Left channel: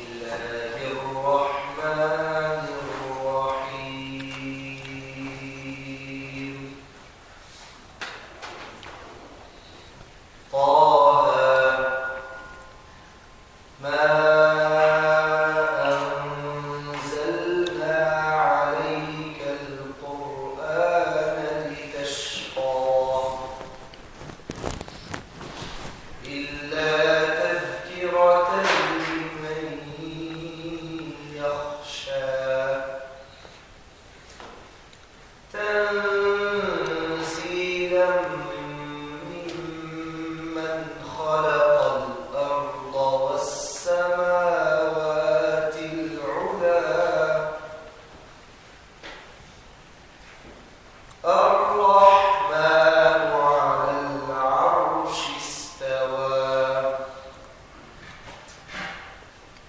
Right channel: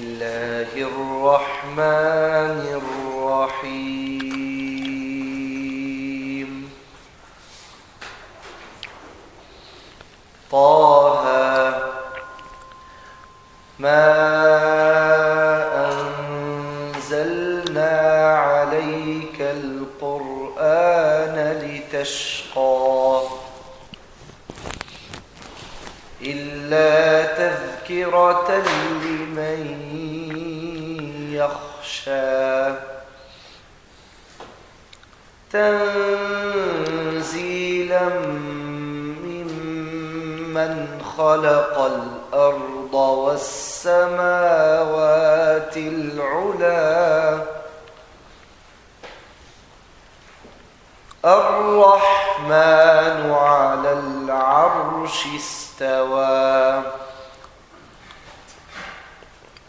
الله الرحمن الرحيم طه ما أنزلنا عليك القرآن لتشقى إلا تذكرة لمن يخشى تنزيلا ممن خلق الأرض والسماوات العلى الرحمن على العرش استوى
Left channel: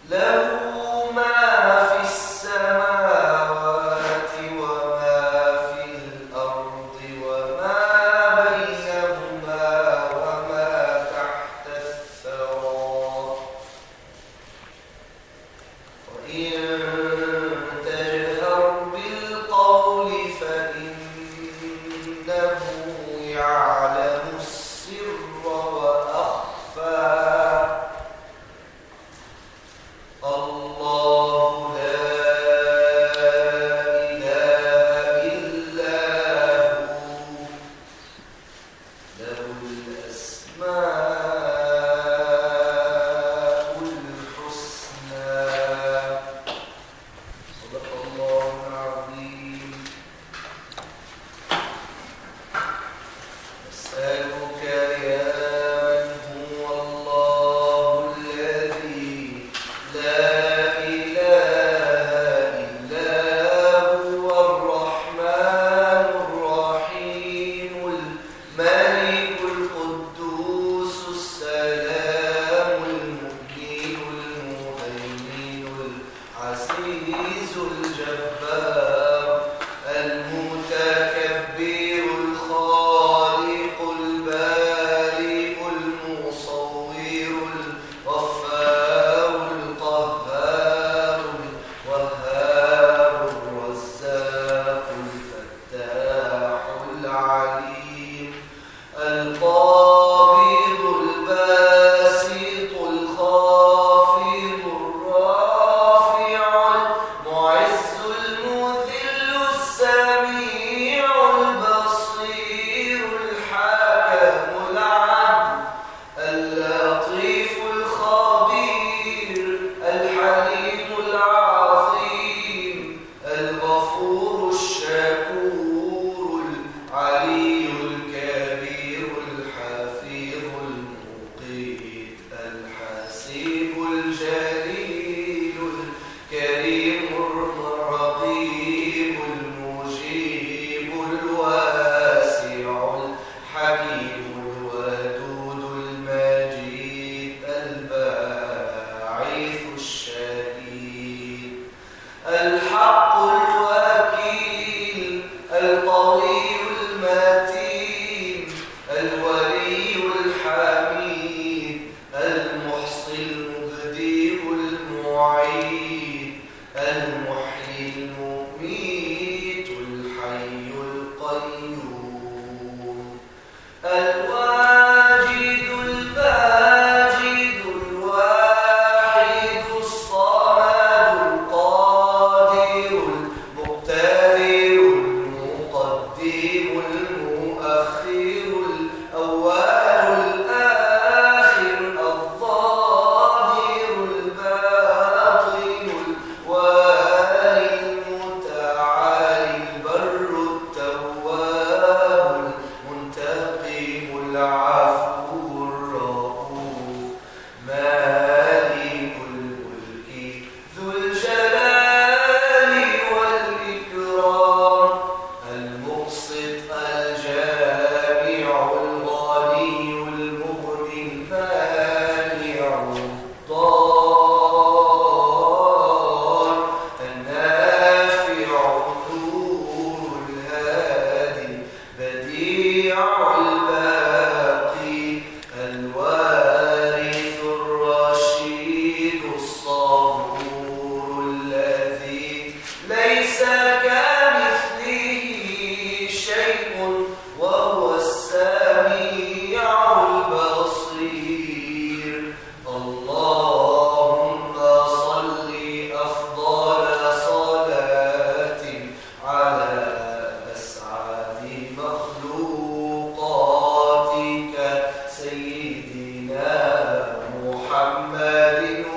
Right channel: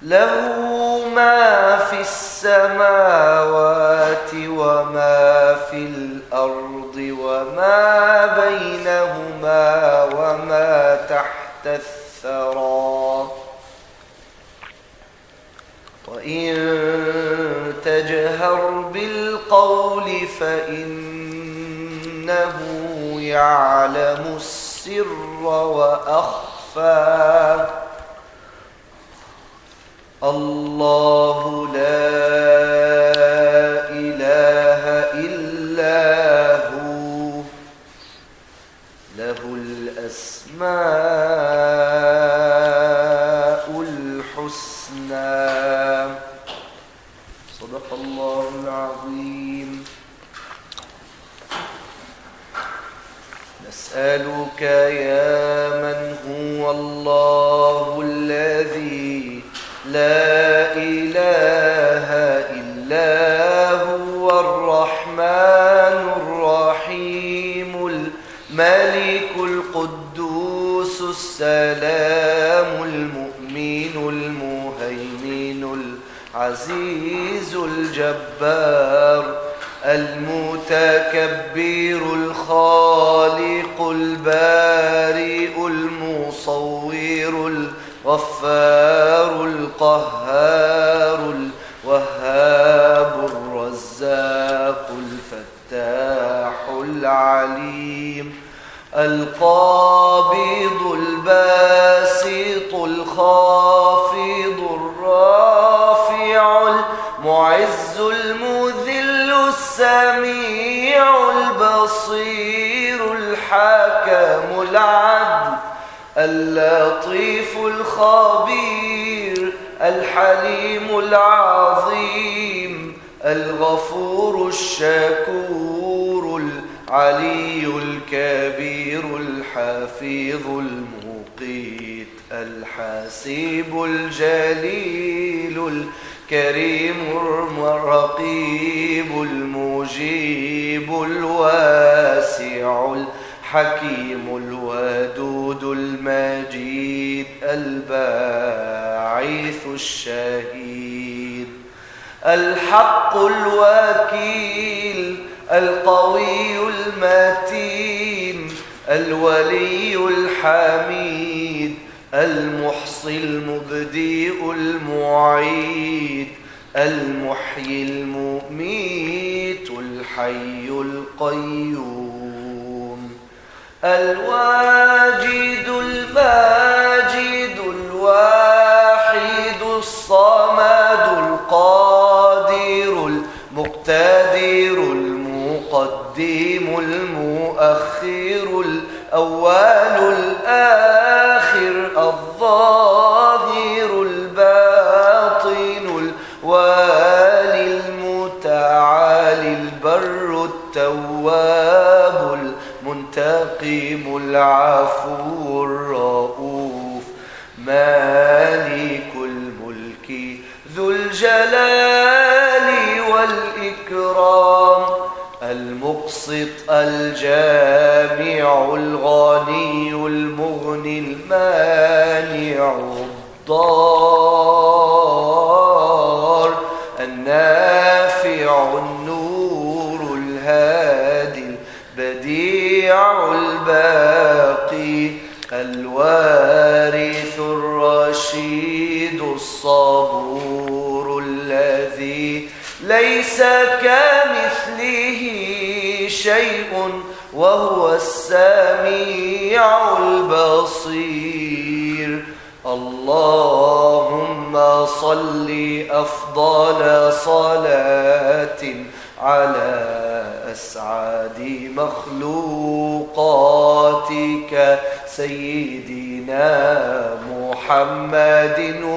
له ما في السماوات وما في الأرض وما بينهما وما تحت الثرى وإن تجهر بالقول فإنه يعلم السر وأخفى الله لا إله إلا هو له الأسماء الحسنى صدق الله العظيم. نسألك يا من هو الله الذي لا إله إلا هو الرحمن الرحيم الملك القدوس السلام المؤمن المهيمن العزيز الجبار المتكبر الخالق البارئ المصور الغفار القهار الوهاب الرزاق الفتاح العليم القابض الباسط الخافض الرافع المعز المذل السميع البصير الحكم العدل اللطيف الخبير الحليم العظيم الغفور الشكور العلي الكبير الحفيظ المقيت الحسيب الجليل الكريم الرقيب المجيب الواسع الحكيم الودود المجيد الباعث الشهيد الحق الوكيل القوي المتين الولي الحميد المحصي المبدئ المعيد المحيي المميت الحي القيوم الواجد الماجد الواحد الصمد القادر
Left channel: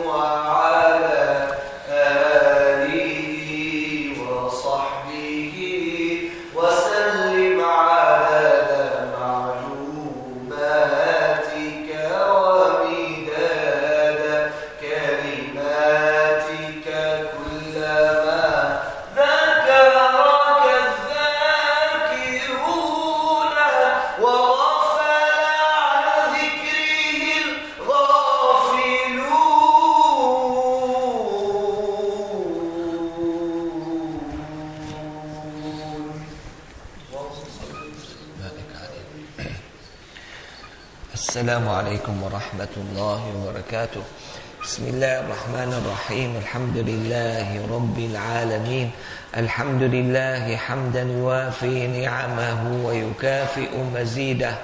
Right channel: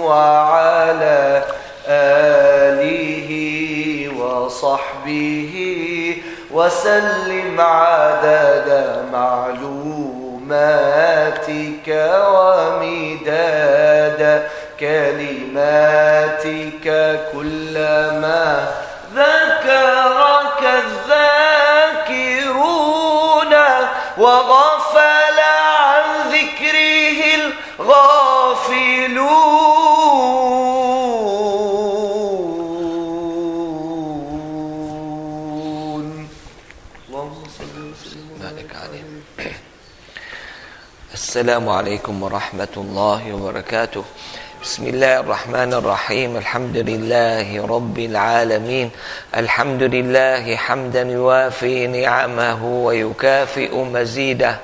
وعلى آله وصحبه وسلم عدد معلوماتك ومداد كلماتك كلما ذكرك الذاكرون وغفل عن ذكره الغافلون. السلام عليكم ورحمة الله وبركاته. بسم الله الرحمن الرحيم. الحمد لله رب العالمين. الحمد لله حمدا يوافي نعمه ويكافئ مزيده.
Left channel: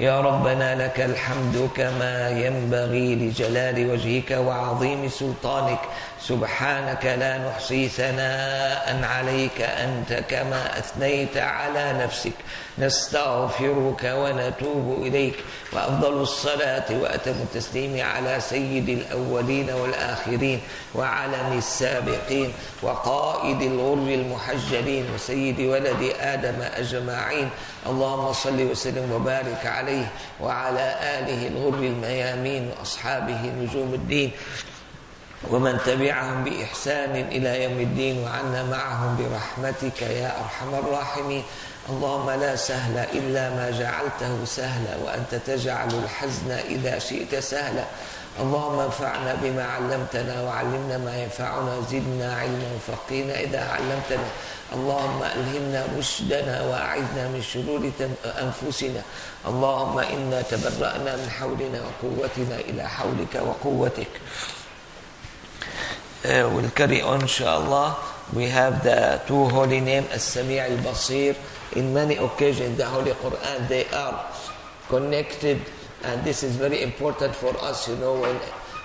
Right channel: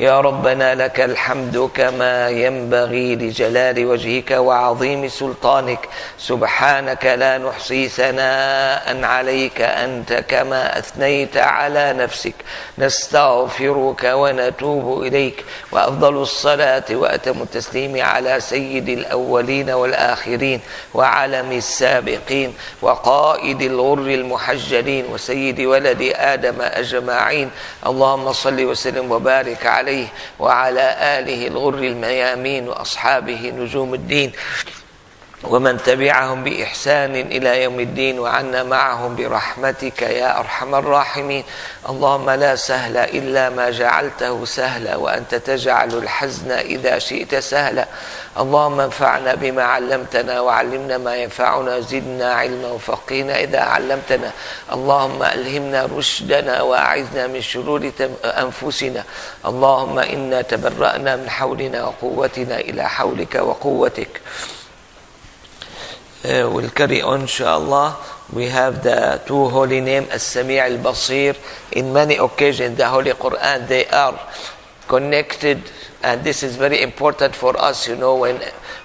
يا ربنا لك الحمد كما ينبغي لجلال وجهك وعظيم سلطانك. سبحانك لا نحصي ثناء عليك أنت كما أثنيت على نفسك. نستغفرك ونتوب إليك. وأفضل الصلاة وأتم التسليم على سيد الأولين والآخرين وعلم السابقين وقائد الغر المحجلين وسيد ولد آدم أجمعين. اللهم صل وسلم وبارك عليه وعلى آله الغر الميامين وأصحابه نجوم الدين ومن تبعهم بإحسان إلى يوم الدين وعنا معهم برحمتك يا أرحم الراحمين. اللهم لا سهل إلا ما جعلته سهلا وأنت تجعل الحزن إذا شئت سهلا. اللهم انفعنا بما علمتنا وعلمنا ما ينفعنا زدنا علما وفقهنا إذا علمتنا. اللهم ألهمنا رشدنا وأعذنا من شرور أنفسنا. اللهم إنا تبرأنا من حولنا وقوتنا إلى حولك وقوتك. We'll carry on inshallah. We have the two holy names As-Sami' Al-Basir. In many occasions the Holy Quran, they are connected, and this is very important for us,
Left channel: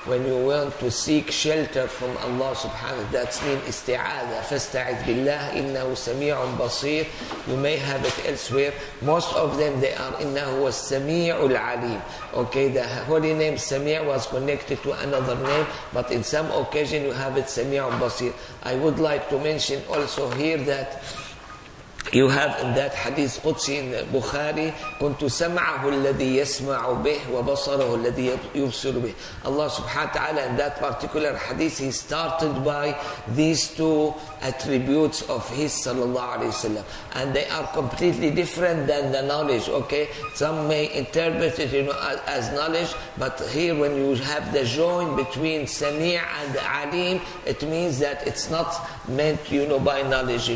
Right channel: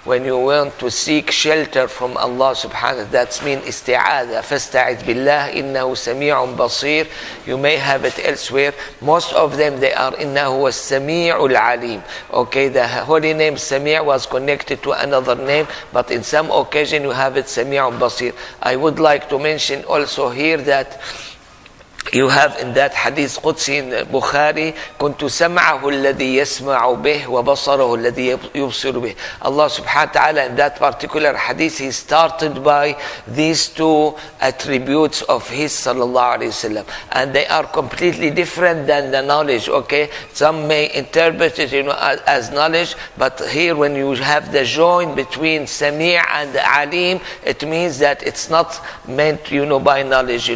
when you want to seek shelter from Allah subhanahu wa ta'ala. That's mean isti'adha. فَاسْتَعِذْ بِاللَّهِ إِنَّهُ سَمِيعٌ بَصِيرٌ. You may have it elsewhere. Most of them, they are إِنَّهُ السَّمِيعُ الْعَلِيمُ. Okay, the holy name Sami' was connected to another name, but in some occasion you have it سَمِيعٌ بَصِير. I would like to mention also here that you have in that hadith Qudsi in Bukhari, كنت سمعه الذي يسمع به وبصره الذي يبصر به. Allah subhanahu wa ta'ala in that particular hadith, he started by these two attributes of his sallallahu alayhi wasallam, and they are completely different than the knowledge. Okay, some may interpret it as knowledge, but here when you have the join between Sami' and Alim, it means that it's not meant by knowledge.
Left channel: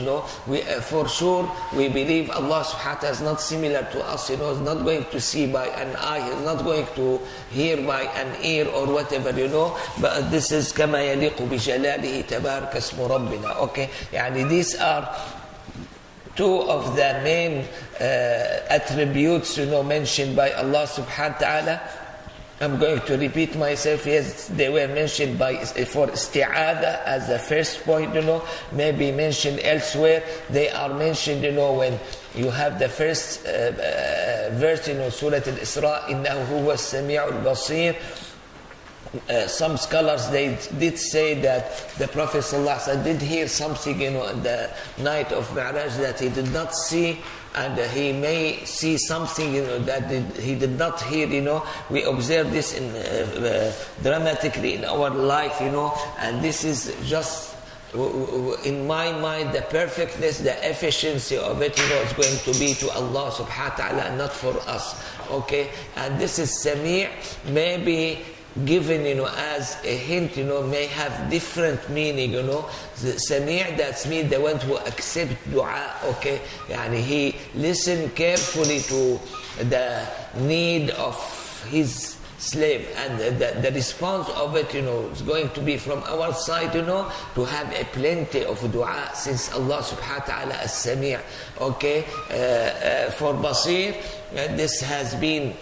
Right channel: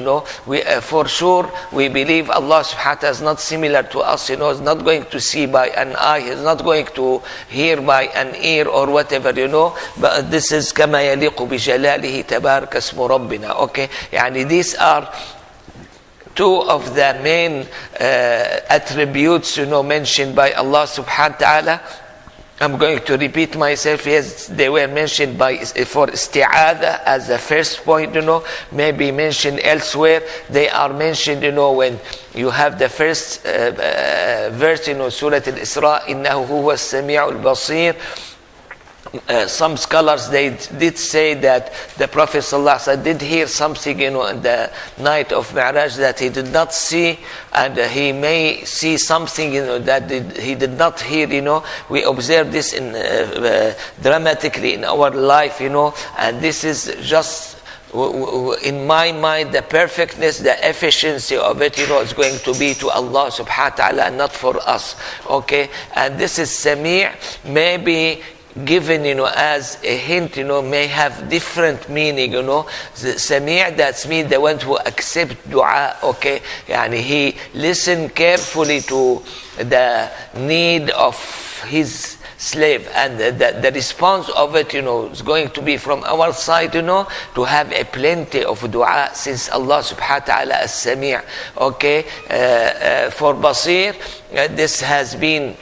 We for sure we believe Allah subhanahu wa ta'ala is not similar to us. Is not going to see by an eye, he's not going to hear by an ear or whatever, but this is كما يليق بجلاله تبارك اسم ربنا. Okay, these are two of the main attributes mentioned by Allah subhanahu wa ta'ala. I'm going to repeat myself. Yes, they were mentioned for isti'adha as the first point, maybe mentioned elsewhere. They are mentioned, when you have the first verse, Surah Al-Isra, إِنَّهُ هُوَ السَّمِيعُ الْبَصِيرُ. Some scholars, they did say that the Prophet ﷺ did hear something, in the night of Mi'raj that he did not see, and he may see something, that he did not hear. We observe this dramatically in our life, and this is just, in my mind, the perfectness, the efficiency of it, is going to be to Allah subhanahu wa ta'ala and not for us. Okay, and this is Sami', maybe given as a hint, may have different meaning. Sami', that's mean the one who accept dua. Okay, he listen carefully to the need of his slave, and the response of it is going to be from our side, to have a plenty of dua, since Allah subhanahu wa ta'ala is Sami'. Okay, for Basir, this has been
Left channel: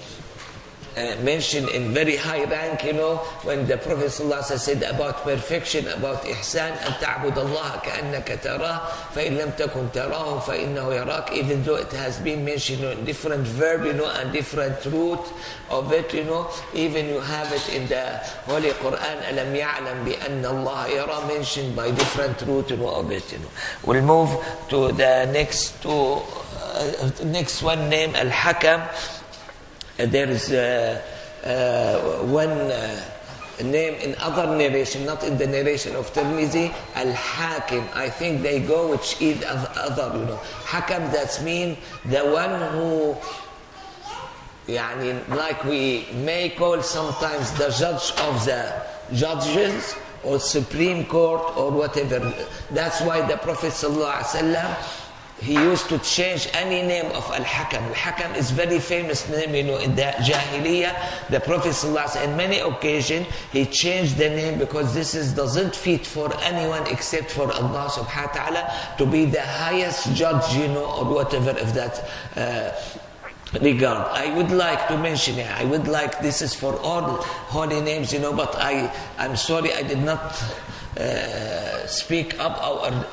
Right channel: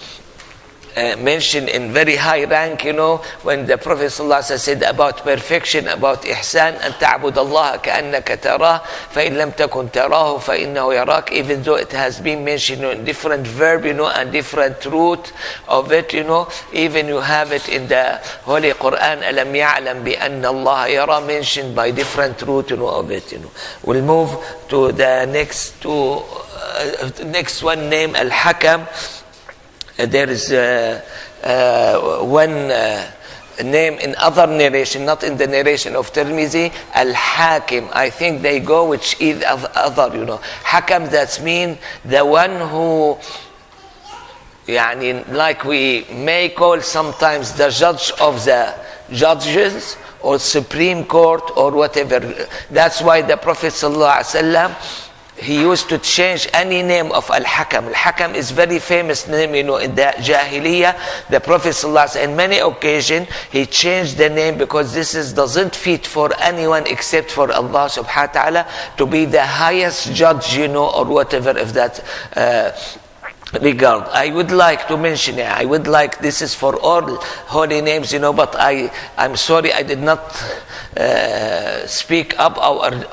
mentioned in very high rank, when the Prophet ﷺ said about perfection, about ihsan, أن تعبد الله كأنك تراه فإن لم تكن تراه فإنه يراك. Even though it has been mentioned in different verb, and different root of it, even you have it in the Holy Quran, ألم يعلم بأن الله يرى, mentioned by different root, of it. We'll move to the next one, name Al-Hakam. There is one name in other narration, not in the narration of Tirmizi, Al-Hakim. I think they go with either other, Hakam, that's mean the one who, like we may call sometimes the judge of the judges, or Supreme Court, or whatever. That's why the Prophet ﷺ, he used to change any name of Al-Hakam. Al-Hakam is very famous name, in the Jahiliyyah. The Prophet ﷺ, in many occasions, he changed the name because this doesn't fit for anyone except for Allah subhanahu wa ta'ala to be the highest judge, or whatever of that regard. I would like to mention it. This is for all holy names, but I'm sorry I did not speak up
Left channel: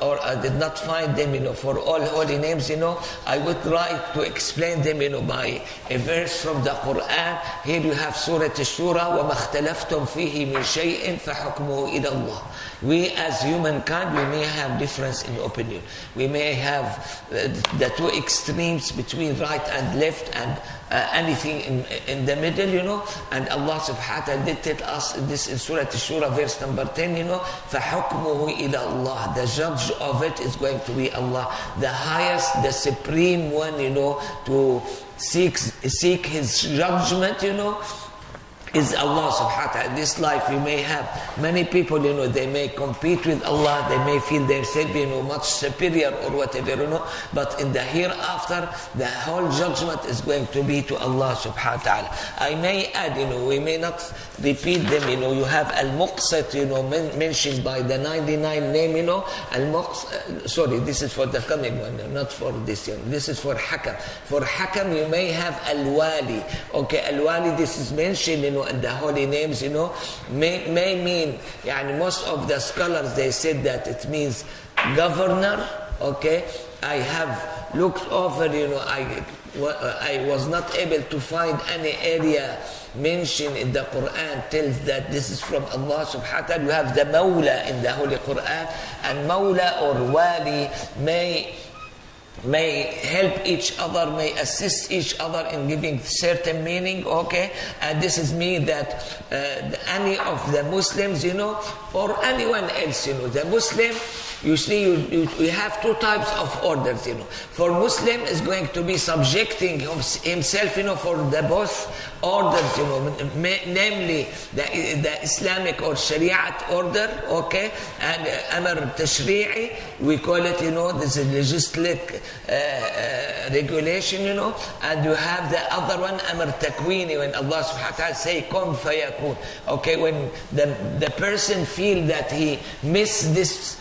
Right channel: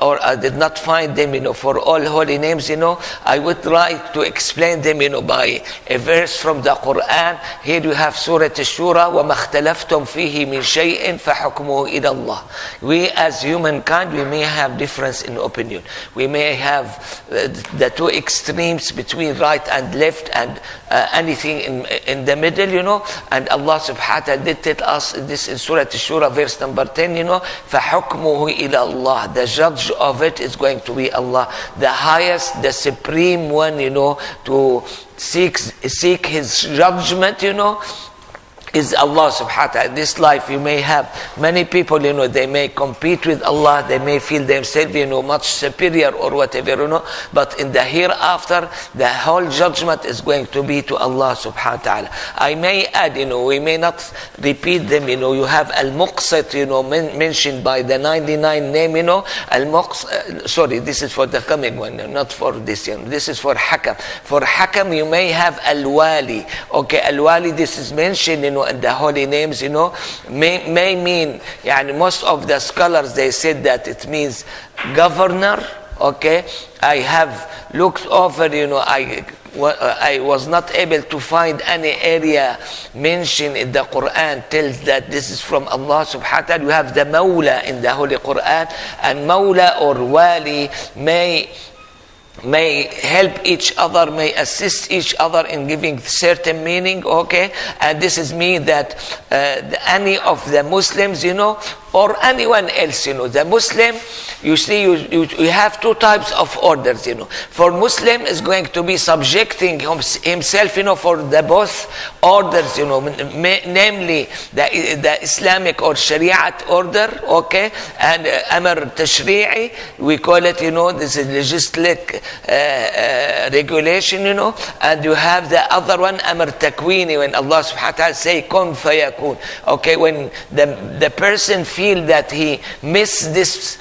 or I did not find them, for all holy names, I would like to explain them, by a verse from the Quran. Here you have Surah Ash-Shura, وَمَا اخْتَلَفْتُمْ فِيهِ مِنْ شَيْءٍ فَحُكْمُهُ إِلَى اللَّهِ. We as humankind, we may have difference in opinion. We may have the two extremes between right and left, and anything in the middle, and Allah subhanahu wa ta'ala did tell us this in Surah Ash-Shura, verse number 10, فَحُكْمُهُ إِلَى اللَّهِ. The judge of it is going to be Allah, the highest, the supreme one, to seek his judgment, is Allah subhanahu wa ta'ala. This life you may have many people, they may compete with Allah, they may feel themselves, much superior or whatever, but in the hereafter, the whole judgment is going to be to Allah subhanahu wa ta'ala. I may add, we may not repeat them, you have Al-Muqsit, mentioned by the 99 name, Al-Muqsit, sorry, this is for the coming one, not for this, this is for Hakam. For Hakam, you may have Al-Wali. Okay, Al-Wali, this is mentioned, and the holy names, may mean, most of the scholars, they said that it means governor. Okay, I have looked over, I was not able to find any area mentioned in the Quran tells that this is from Allah subhanahu wa ta'ala. You have the Mawla in the Holy Quran, and Mawla or Wali may help each other, may assist each other in giving certain meaning, okay? And this is mean that any of the Muslims, or anyone else, the Muslim, you see, you have two types of orders, For Muslim is going to be subjecting himself, for the both orders, namely the Islamic or Shariat order, okay? And Amr Tashri'i, we call it, this is legislative regulation, and you have the other one, Amr Takwini, when Allah subhanahu wa ta'ala say, Kun fayakun. Okay, when the person feel that he missed this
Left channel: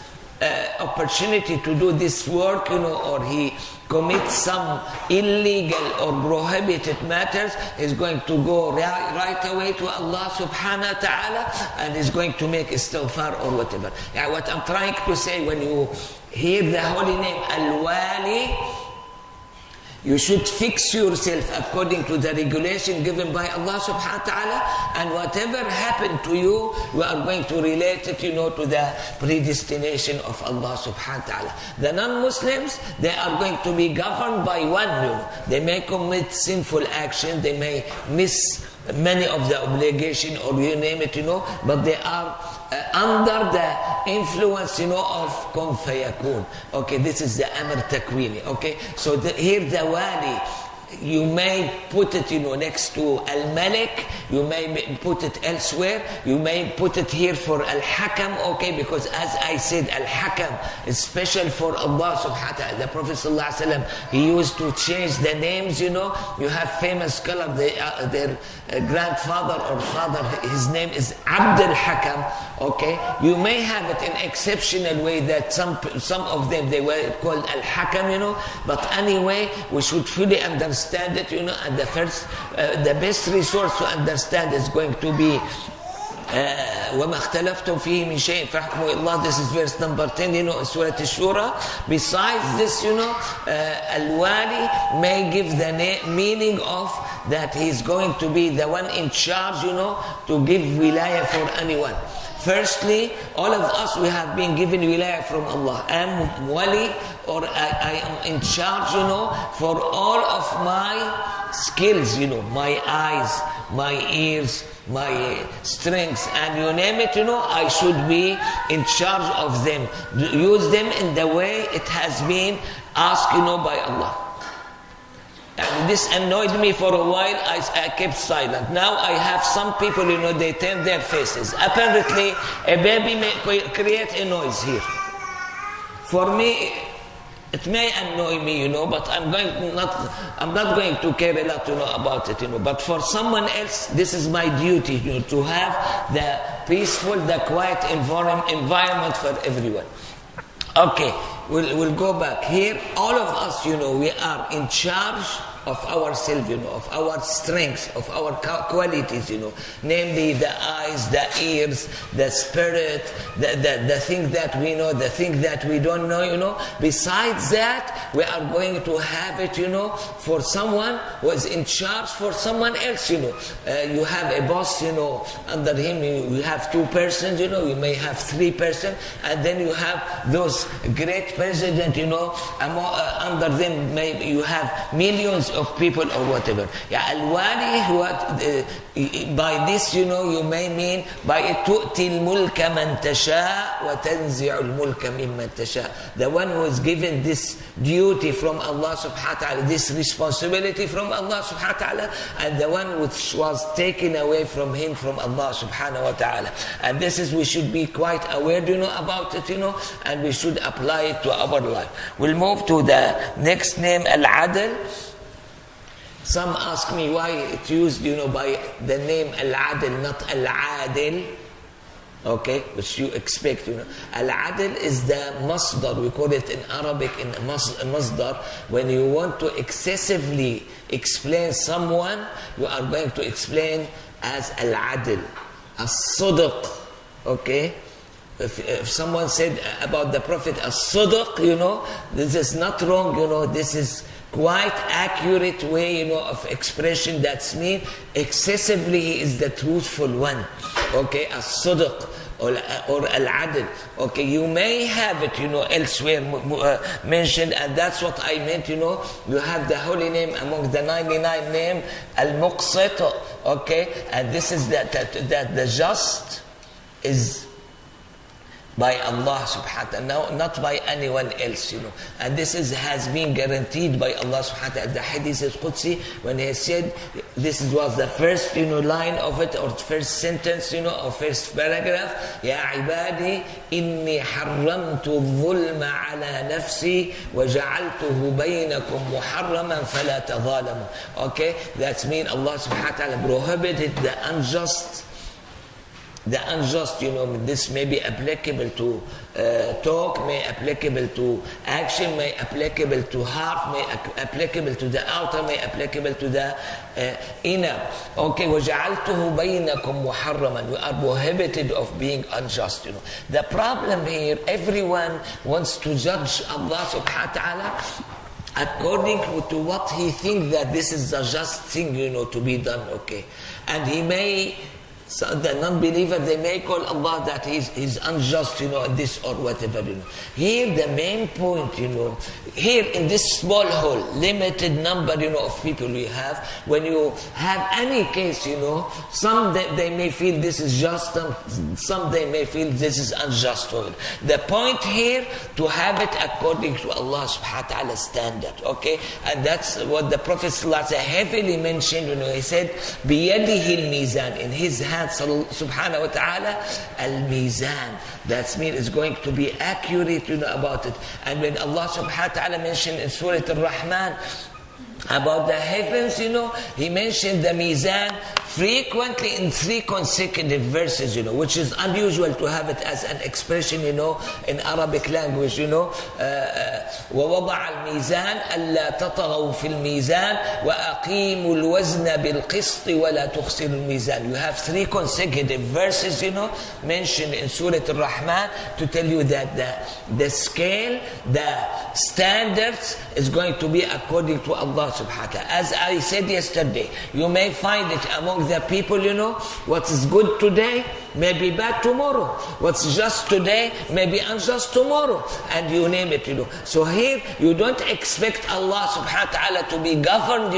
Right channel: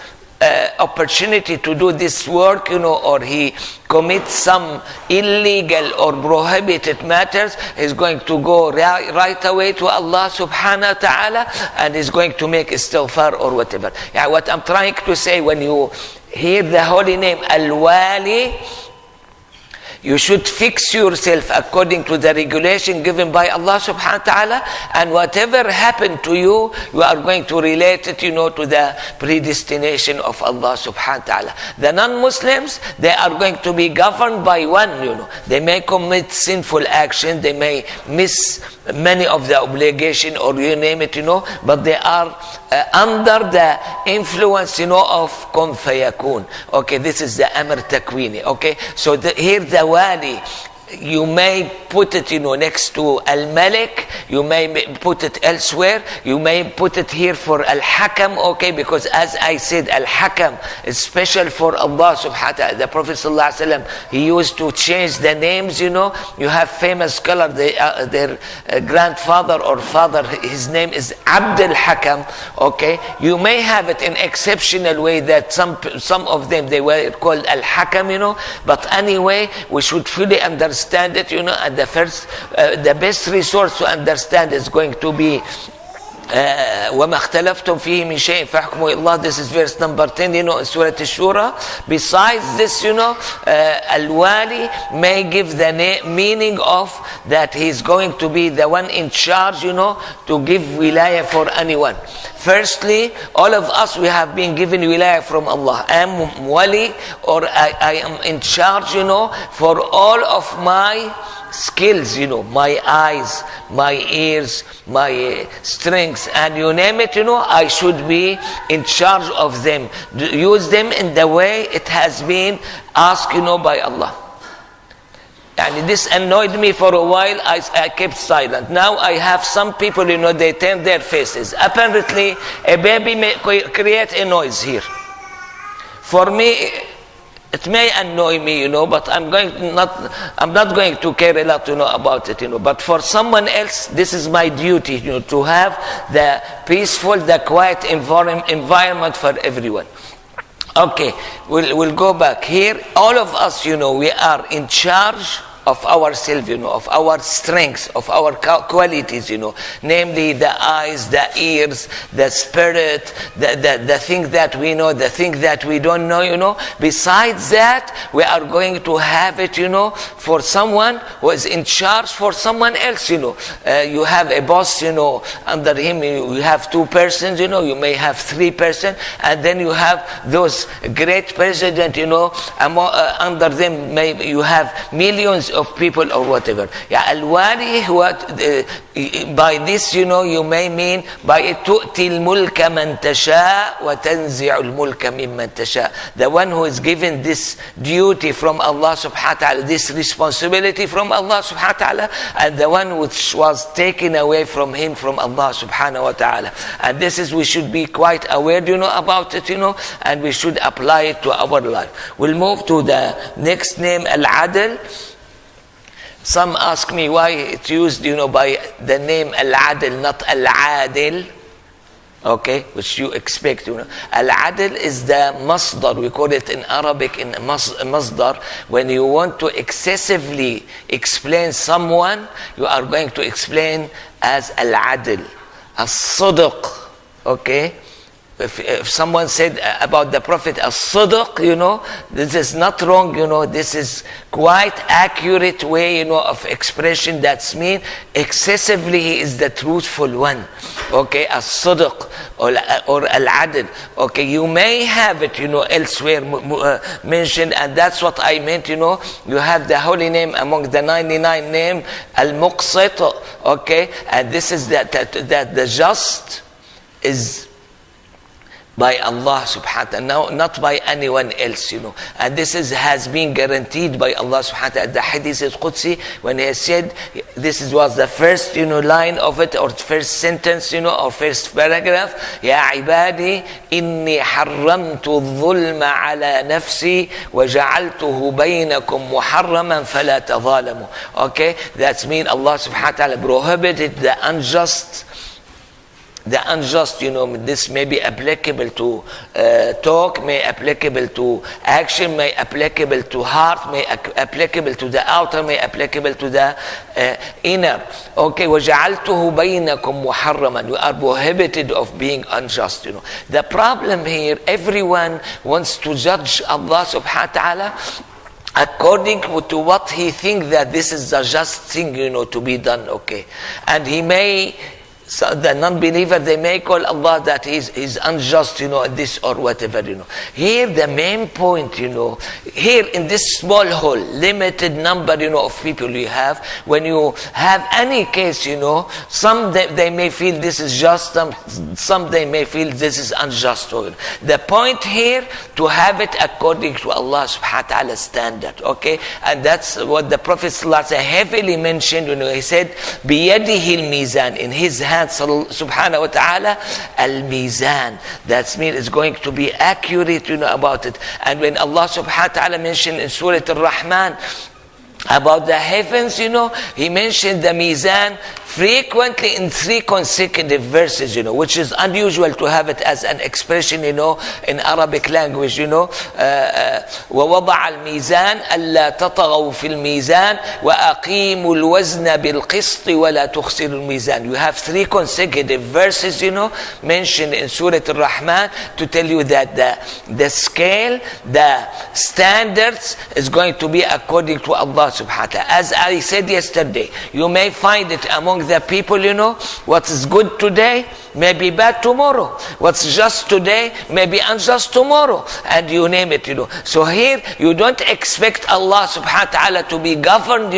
opportunity to do this work, or he commits some illegal or prohibited matters, he's going to go right away to Allah subhanahu wa ta'ala, and is going to make istighfar or whatever. What I'm trying to say, when you hear the holy name Al-Wali, you should fix yourself according to the regulation given by Allah subhanahu wa ta'ala, and whatever happened to you, you are going to relate it, to the predestination of Allah subhanahu wa ta'ala. The non-Muslims, they are going to be governed by one, They may commit sinful action, they may miss many of the obligation, or you name it, but they are under the influence, of Kun Fayakun. Okay, this is the Amr Takwini. Okay, so here the Wali, you may put it, next to Al-Malik, you may put it elsewhere, you may put it here for Al-Hakam, okay, because as I said, Al-Hakam is special for Allah subhanahu wa ta'ala. The Prophet sallallahu alaihi wasallam, he used to change the names, You have famous scholar, their grandfather or father, his name is Abdul Hakam, okay. You may have it in exceptional way that some of them, they were called Al-Hakam, but anyway, we should fully understand understand it, and the best resource to understand is going to be وما اختلفتم فيه من شيء فحكمه إلى الله. This is verse number 10, in Surah Ash-Shura. Besides this, Al-Wali may give the meaning of that he's going to be the one in charge, to give wilayah for anyone. Firstly, all of us, we have been given wilayah from Allah. I am wali, or I am in charge, for all of my skills, my eyes, my ears, my strengths, and you name it, I should be in charge of them. Use them in the way it has been asked, by Allah. And this annoyed me for a while. I kept silent. Now I have some people, they turn their faces. Apparently, a baby may create a noise here. For me, it may annoy me, but I'm not going to care a lot, about it, But for someone else, this is my duty, to have the peaceful, the quiet environment for everyone. Okay, we'll go back here. All of us, we are in charge of ourselves, of our strengths, of our qualities, namely the eyes, the ears, the spirit, the thing that we know, the thing that we don't know, Besides that, we are going to have it, for someone who is in charge for someone else, You have a boss, under him you have 2 persons, you may have 3 persons, and then you have those great president, under them you have millions of people or whatever. Al-Wali, by this, you may mean by تُؤْتِي الْمُلْكَ مَنْ تَشَاءُ وَتَنْزِعُ الْمُلْكَ مِمَّنْ تَشَاءُ. The one who is given this duty from Allah subhanahu wa ta'ala, this responsibility from Allah subhanahu wa ta'ala, and the one which was taken away from him from Allah subhanahu wa ta'ala. And this is, we should be quite aware, about it, and we should apply it to our life. We'll move to the next name, Al-Adl. Some ask me why it's used, by the name Al-Adl, not Al-Adil. Okay, which you expect, Al-Adl is the masdar. We call it in Arabic in masdar. When you want to excessively explain someone, you are going to explain as Al-Adl. As-Sidq, okay? If someone said about the Prophet as-Sidq, this is not wrong, this is quite accurate way, of expression. That's mean excessively he is the truthful one. Okay, as-Sidq or Al-Adl. Okay, you may have it, elsewhere mentioned, and that's what I meant, You have the holy name among the 99 name, Al-Muqsit. Okay, and this is that the just is by Allah subhanahu wa ta'ala, not by anyone else, And this has been guaranteed by Allah subhanahu wa ta'ala. The hadith is Qudsi, when he said, this was the first, line of it, or first sentence, or first paragraph, Ya ibadi, inni harramtu dhulma ala nafsi, wa ja'altuhu baynakum muharraman fala tadhalamu. Okay, that's mean Allah subhanahu wa ta'ala prohibited the unjust, this may be applicable to talk, may applicable to action, may applicable to heart, may applicable to the outer, may applicable to the inner. Okay, وَجَعَلْتُهُ بَيْنَكُمْ مُحَرَّمًا. You are prohibited of being unjust, The problem here, everyone wants to judge Allah subhanahu wa ta'ala according to what he thinks that this is the just thing, to be done, okay. And he may, so the non-believer, they may call Allah that he's unjust, this or whatever, Here the main point, here in this small hole, limited number, of people you have, when you have any case, some they may feel this is just, some they may feel this is unjust. The point here, to have it according to Allah subhanahu wa ta'ala standard, okay? And that's what the Prophet sallallahu alaihi wasallam heavily mentioned, he said, بِيَدِهِ الْمِيزَانِ, in his hand, subhanahu wa ta'ala, al-mizan. That means it's going to be accurate, about it. And when Allah subhanahu wa ta'ala mentioned in Surah Al-Rahman, about the heavens, he mentioned the Mizan frequently in 3 consecutive verses, which is unusual to have it as an expression, in Arabic language, وَوَضَعَ الْمِيزَانَ أَلَّا تَطَغَوْا فِي الْمِيزَانِ وَأَقِيمُوا الْوَزْنَ بِالْقِسْطِ وَلَا تُخْسِرُوا الْمِيزَانِ. You have 3 consecutive verses, mentioned in Surah Al-Rahman to tell you that the scale, the standards is going to be according to Allah subhanahu wa ta'ala. As I said yesterday, you may find it among the people, what is good today may be bad tomorrow. What's just today may be unjust tomorrow. And you name it, So here, you don't expect Allah subhanahu wa ta'ala to be governed,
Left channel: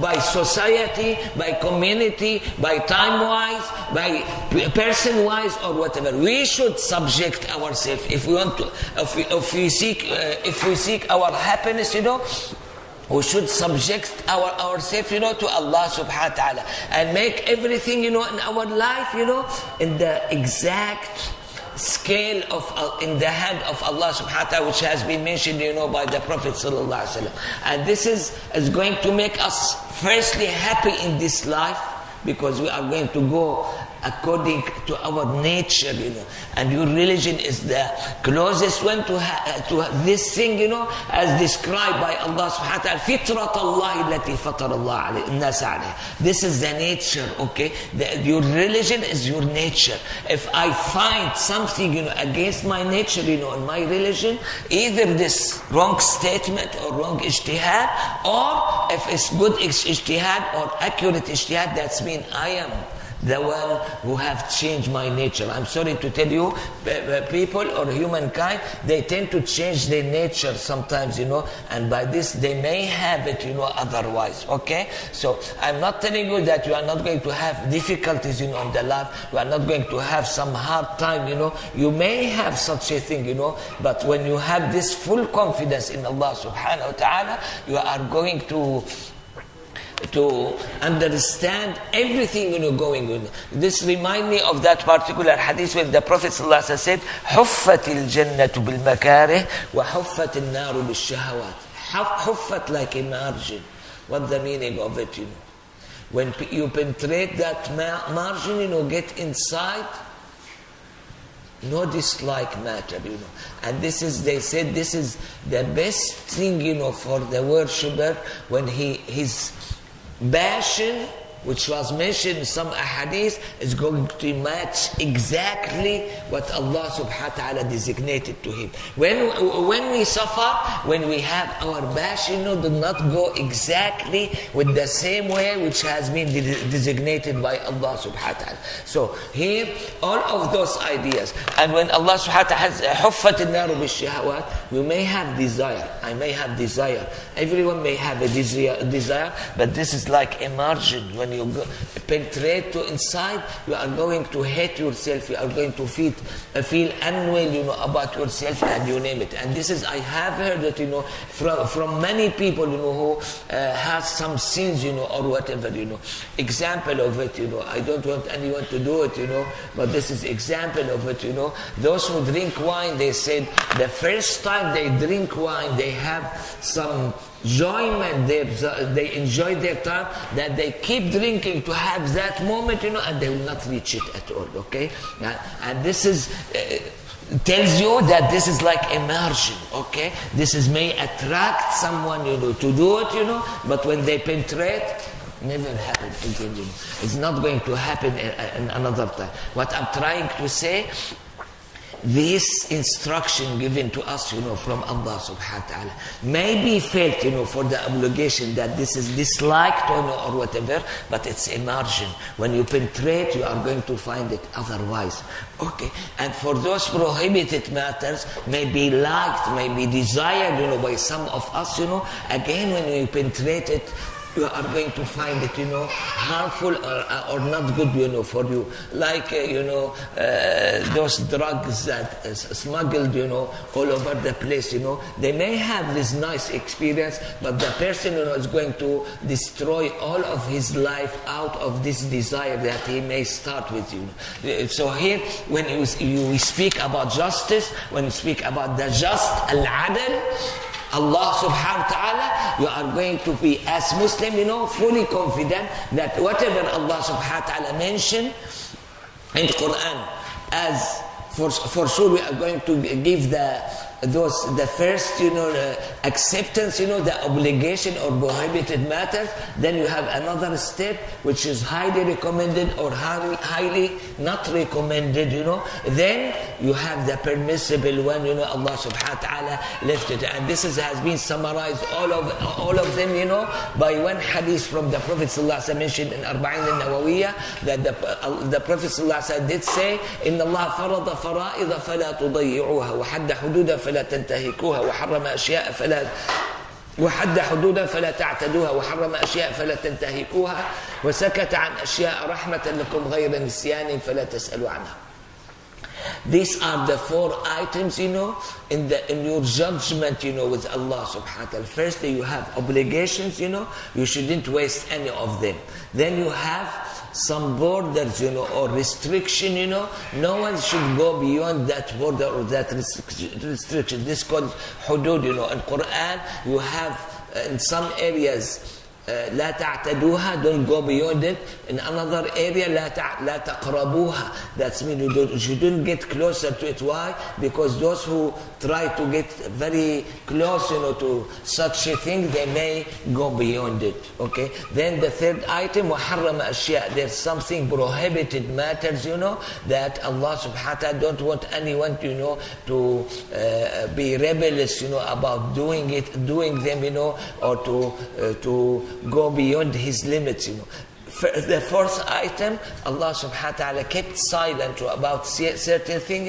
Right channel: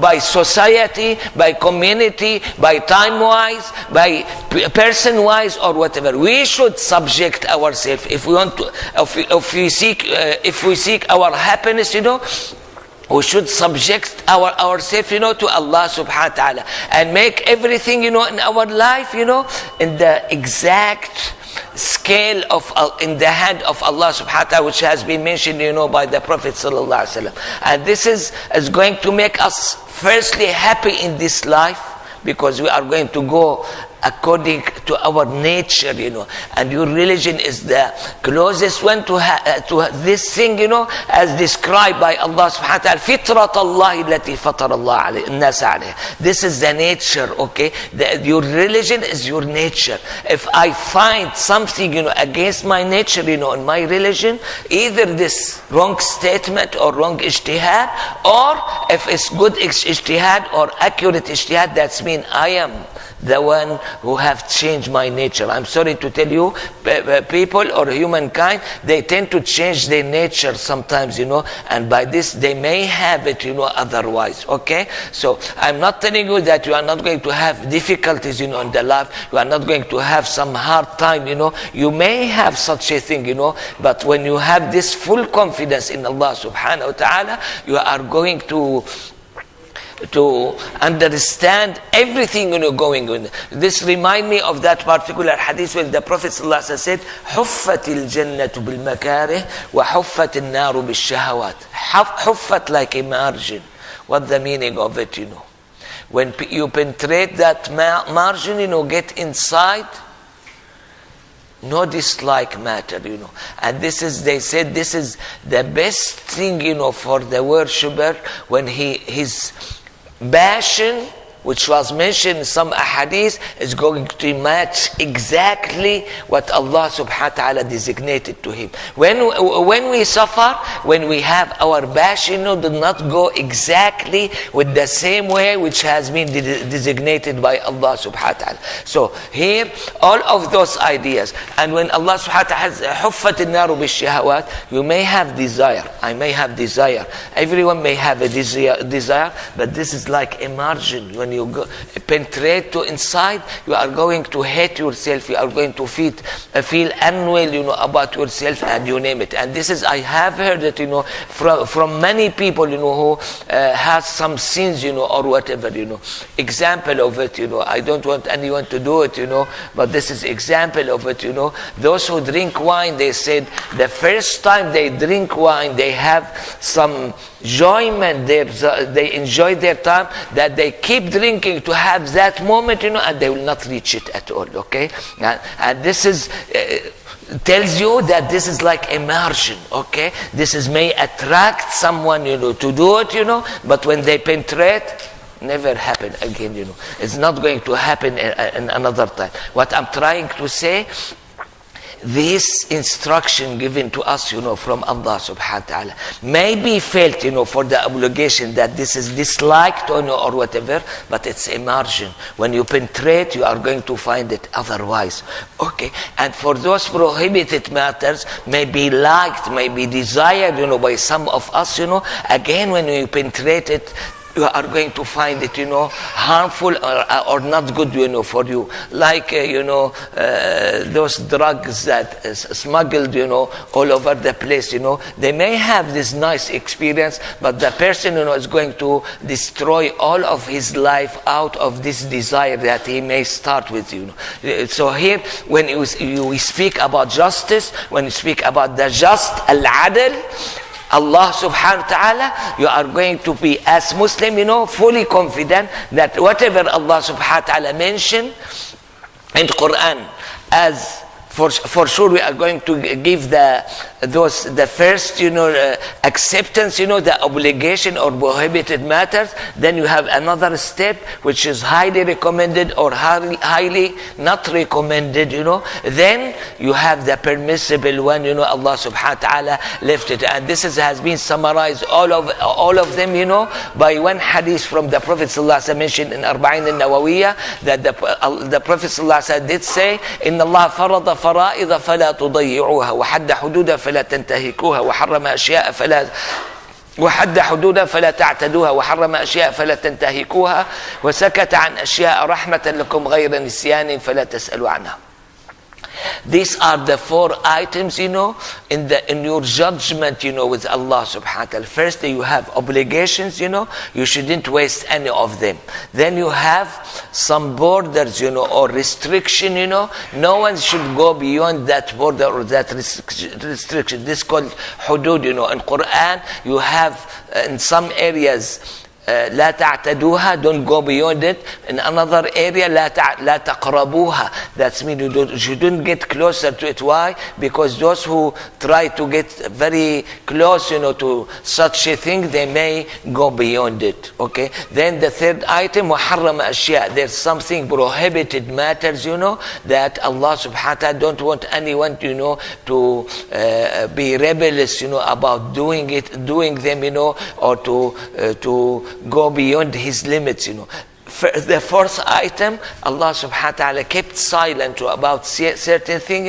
by society, by community, by time-wise, by person-wise, or whatever. We should subject ourselves if we want to, if we seek our happiness, we should subject ourselves, to Allah subhanahu wa ta'ala, and make everything, in our life, in the exact scale in the hand of Allah subhanahu wa ta'ala, which has been mentioned, by the Prophet sallallahu alaihi wasallam. And this is going to make us firstly happy in this life, because we are going to go according to our nature, and your religion is the closest one to this thing, as described by Allah subhanahu wa ta'ala, فِطْرَةَ اللَّهِ الَّتِي فَطَرَ اللَّهَ النَّاسَ عَلَيْهَا. This is the nature, okay? Your religion is your nature. If I find something, against my nature, in my religion, either this wrong statement or wrong ijtihad, or if it's good ijtihad or accurate ijtihad, that's mean I am the one who have changed my nature. I'm sorry to tell you, people or humankind, they tend to change their nature sometimes, and by this they may have it, otherwise, okay? So I'm not telling you that you are not going to have difficulties, in the life. You are not going to have some hard time, You may have such a thing, but when you have this full confidence in Allah subhanahu wa ta'ala, you are going to understand everything going on. This reminds me of that particular hadith where the Prophet ﷺ said, حُفَّتِ الْجَنَّةُ بِالْمَكَارِهِ وَحُفَّتِ النَّارُ بِالشَّهَوَاتِ. Huffat, like a margin. What's the meaning of it, When you penetrate that margin, get inside, no dislike matter, And this is, they said, this is the best thing, for the worshipper when his passion, which was mentioned in some ahadith, is going to match exactly what Allah subhanahu wa ta'ala designated to him. When we suffer, when we have our passion, do not go exactly with the same way which has been designated by Allah subhanahu wa ta'ala. So here, all of those ideas. And when Allah subhanahu wa ta'ala has حُفَّتِ النَّارُ بِالشَّهَوَاتِ, you may have desire, I may have desire, everyone may have a desire, but this is like a margin. When you go penetrate to inside, you are going to hate yourself, you are going to feel unwell, about yourself, and you name it. And this is, I have heard that, from many people, who has some sins, or whatever, example of it, I don't want anyone to do it, but this is example of it, Those who drink wine, they said the first time they drink wine, they have some enjoyment, they enjoy their time, that they keep drinking to have that moment, and they will not reach it at all, okay? And this is tells you that this is like a margin, okay? This is may attract someone, to do it, but when they penetrate, never happen again, It's not going to happen in another time. What I'm trying to say, this instruction given to us, from Allah subhanahu wa ta'ala, may be felt, for the obligation that this is disliked or whatever, but it's a margin. When you penetrate, you are going to find it otherwise. Okay? And for those prohibited matters, may be liked, may be desired, by some of us, again, when you penetrate it, you are going to find it, harmful or not good, for you. Like, those drugs that is smuggled, all over the place, they may have this nice experience, but the person, is going to destroy all of his life out of this desire that he may start with, So here, when we speak about justice, when we speak about the just, al-adl, Allah subhanahu wa ta'ala, you are going to be as Muslim, fully confident that whatever Allah subhanahu wa ta'ala mentioned in Quran as for sure we are going to give the first acceptance, the obligation or prohibited matters. Then you have another step which is highly recommended or highly not recommended, then you have the permissible one, Allah subhanahu wa ta'ala left it, and this has been summarized all of them, by one hadith from the Prophet sallallahu alaihi wasallam mentioned in Arba'in al-Nawawiyah, that the Prophet sallallahu alaihi wasallam did say, inna Allah farada فرائض فلا تضيعوها وحد حدود فلا تنتهكوها وحرم أشياء وحد حدودا فلا تعتدوها وحرم أشياء فلا تنتهكوها وسكت عن أشياء رحمة لكم غير نسيان فلا تسألوا عنها. These are the 4 items, in your judgment, with Allah subhanahu wa ta'ala. Firstly, you have obligations, you shouldn't waste any of them. Then you have some borders, or restriction, no one should go beyond that border or that restriction. This is called hudud, In Quran, you have in some areas, لا تعتدوها, don't go beyond it. In another area, لا تقربوها, that means you shouldn't get closer to it. Why? Because those who try to get very close, to such a thing, they may go beyond it. Okay. Then the third item, وحرم أشياء, there's something prohibited matters, that Allah subhanahu wa ta'ala don't want anyone, to be rebellious, about doing them, or to go beyond his limits, The 4th item, Allah subhanahu wa ta'ala kept silent about certain thing,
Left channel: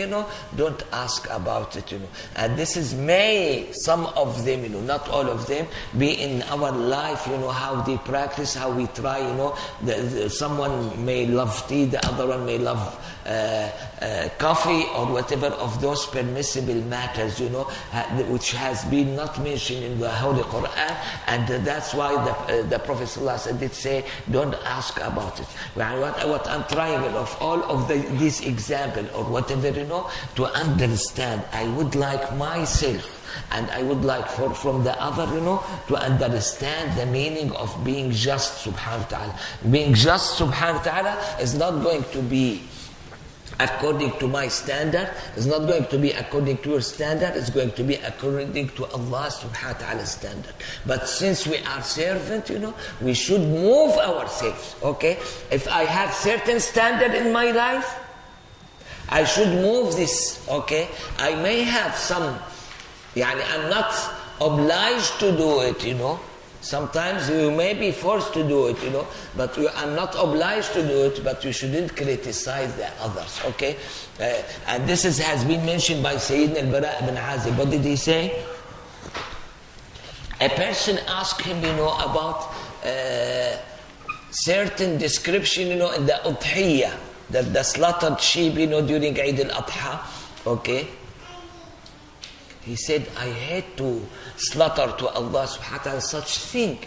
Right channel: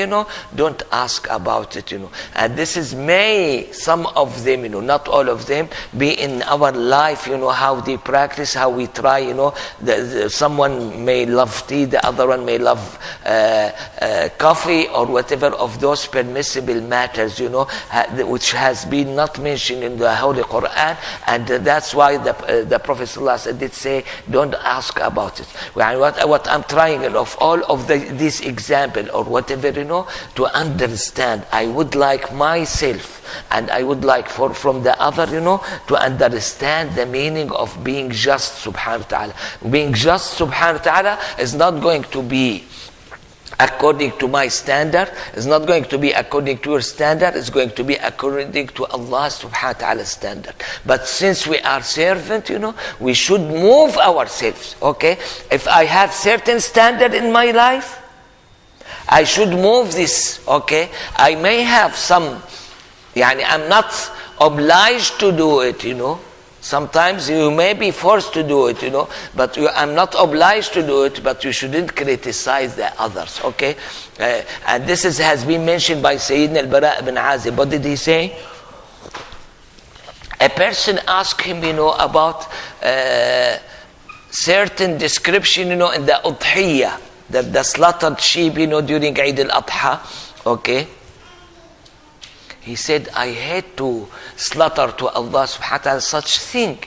don't ask about it, And this is some of them, not all of them, be in our life, how they practice, how we try, someone may love tea, the other one may love coffee or whatever of those permissible matters, which has been not mentioned in the Holy Quran, and that's why the Prophet sallallahu alaihi wasallam did say, don't ask about it. What I'm trying of all of this example or whatever, to understand, I would like myself and I would like from the other, to understand the meaning of being just subhanahu wa ta'ala. Being just subhanahu wa ta'ala is not going to be according to my standard, it's not going to be according to your standard, it's going to be according to Allah subhanahu wa ta'ala's standard. But since we are servant, we should move ourselves, okay? If I have certain standard in my life, I should move this, okay? I may have some, I'm not obliged to do it, Sometimes you may be forced to do it, but I'm not obliged to do it, but you shouldn't criticize the others, okay? And this has been mentioned by Sayyidina al-Bara ibn Azib. What did he say? A person asked him, about certain description, in the udhiyah, the slaughtered sheep, during Eid al-Adha, okay? He said, I hate to slaughter to Allah subhanahu wa ta'ala such thing,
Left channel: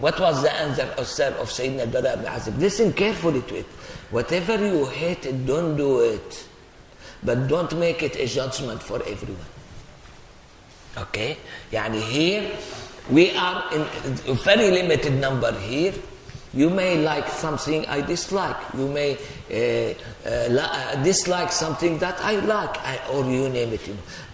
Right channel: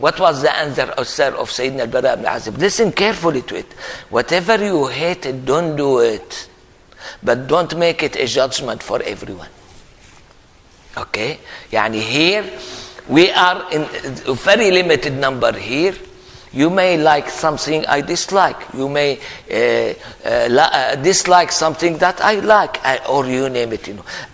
What was the answer of Sayyidina al-Bara ibn Azib? Listen carefully to it. Whatever you hate, don't do it. But don't make it a judgment for everyone. Okay? Here, we are in a very limited number here. You may like something I dislike. You may dislike something that I like, or you name it.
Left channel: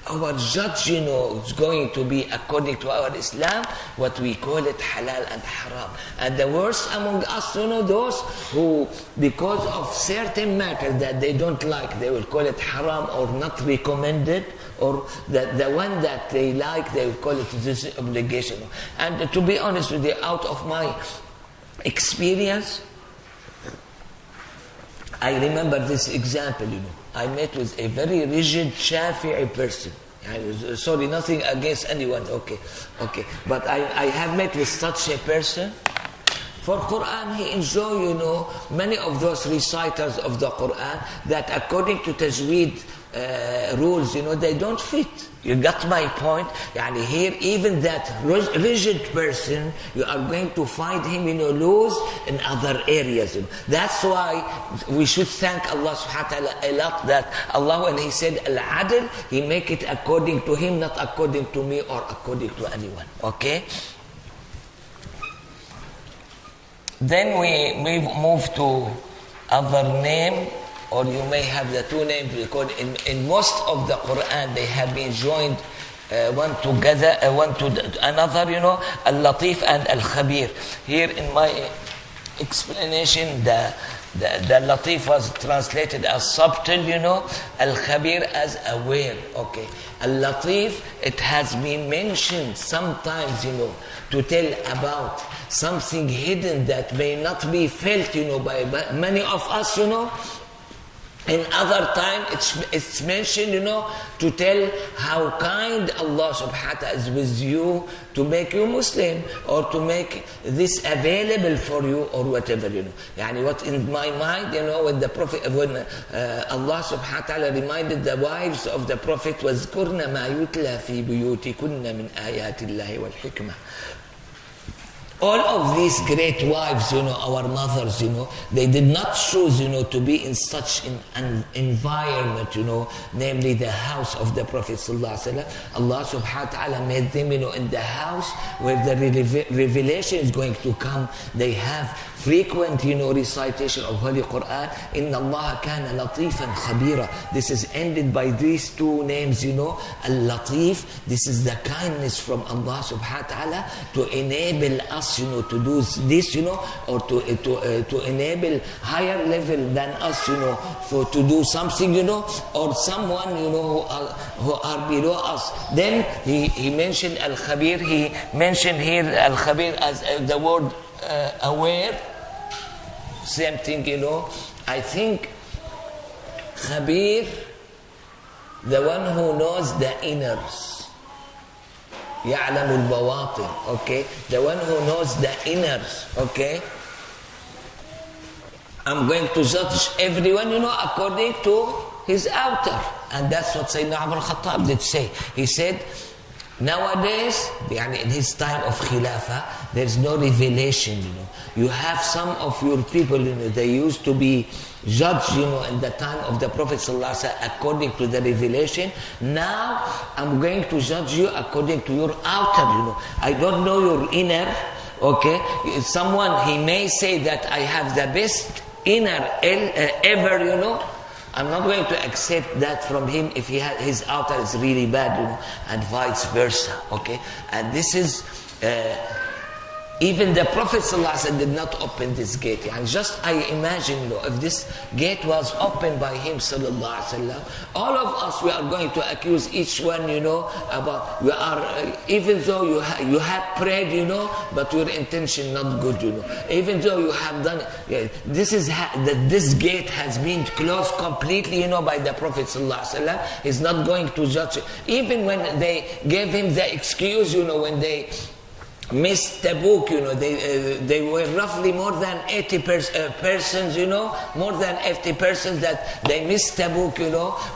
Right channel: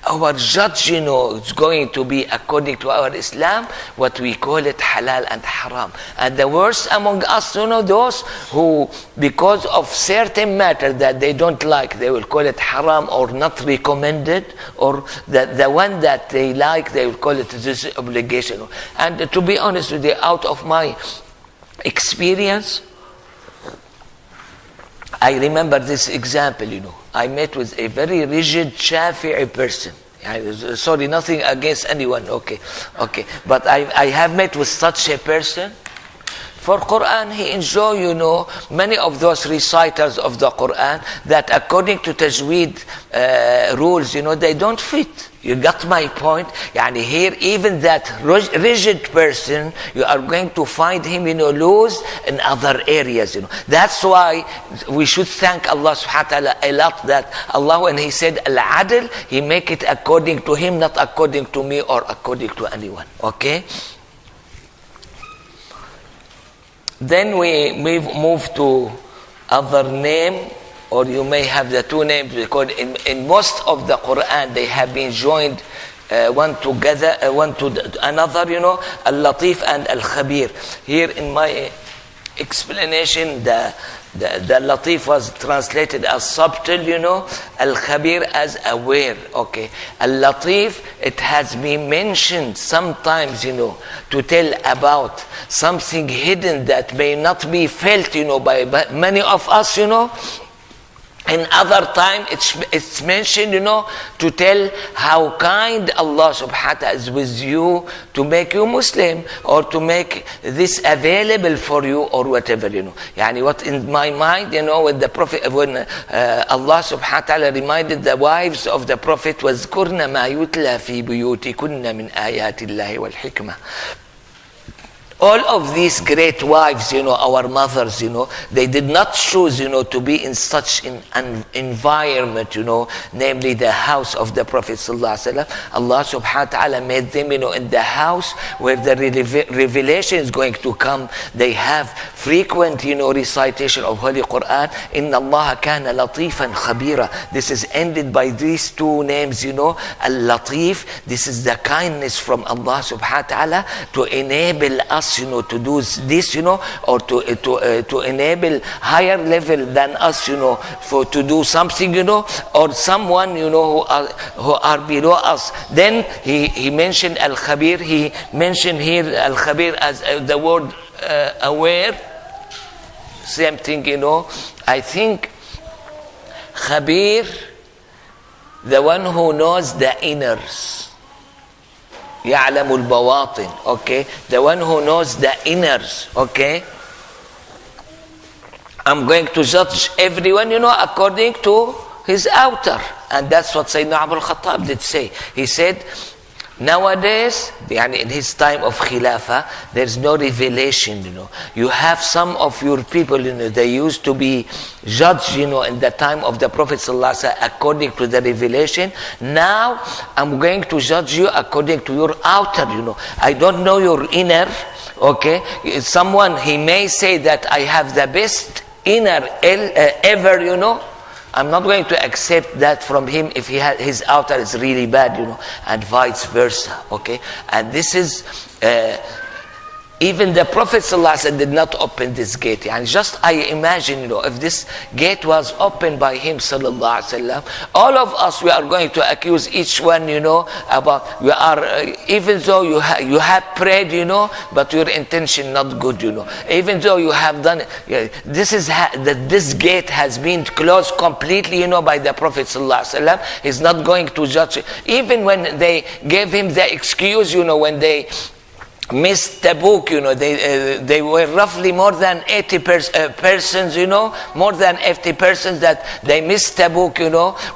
Our judge, is going to be according to our Islam, what we call it halal and haram. And the worst among us, those who, because of certain matter that they don't like, they will call it haram or not recommended, or the one that they like, they will call it this obligation. And to be honest with you, out of my experience, I remember this example, I met with a very rigid Shafi'i person. Sorry, nothing against anyone, okay. But I have met with such a person. For Quran, he enjoy, many of those reciters of the Quran that according to Tajweed rules, they don't fit. You got my point? Yani here, even that rigid person, you are going to find him, loose in other areas, That's why we should thank Allah subhanahu wa ta'ala a lot that Allah, when He said Al-Adl, He make it according to Him, not according to me or according to anyone. Okay? Then we move to other name, or you may have the two names, because in most of the Quran they have been joined one together, one to another, Al-Latif and Al-Khabir. Here in my explanation, the Latif was translated as subtle, Al-Khabir as aware. Okay. Al-Latif, it has been mentioned sometimes, to tell about something hidden that may not be felt, by many of us, In other time, it's mentioned, to tell how kind Allah subhanahu wa ta'ala is with you to make you Muslim, or to make this available for you, or whatever, Yani what in my mind, when the Prophet, when Allah subhanahu wa ta'ala reminded the wives of the Prophet, وَاذْكُرْنَ مَا يُتْلَى فِي بُيُوتِكُنَّ مِنْ آيَاتِ اللَّهِ وَالْحِكْمَةِ. All of these great wives, our mothers, they did not choose, to be in such an environment, namely the house of the Prophet ﷺ. Allah subhanahu wa ta'ala made them, in the house where the revelation is going to come. They have frequent, recitation of Holy Quran. Inna Allah kana latifan khabira. This is ended by these two names, Al-Latif. This is the kindness from Allah subhanahu wa ta'ala to enable us, to do this, or to enable higher level than us, for to do something, or someone, who are below us. Then he mentioned Al-Khabir. He mentioned here Al-Khabir as the word aware. Same thing, I think Khabir, the one who knows the inners. يعلم البواطن. Okay, the one who knows the inners. Okay, I'm going to judge everyone, according to his outer, and that's what Sayyidina Umar al-Khattab did say. He said, nowadays, in his time of Khilafah, there's no revelation, You have some of your people, they used to be judged, in the time of the Prophet ﷺ according to the revelation. Now, I'm going to judge you according to your outer, I don't know your inner, okay? Someone, he may say that I have the best inner ever, I'm not going to accept that from him if his outer is really bad, and vice versa, okay? And this is, even the Prophet ﷺ did not open this gate. And just I imagine, if this gate was opened by him, sallallahu alaihi wasallam, all of us, we are going to accuse each one, about, we are, even though you have prayed, but your intention not good, Even though you have done it, this gate has been closed completely, by the Prophet sallallahu alaihi wasallam. He's not going to judge it. Even when they gave him the excuse, when they missed Tabuk, they were roughly more than 80 persons, more than 80 persons that they missed Tabuk,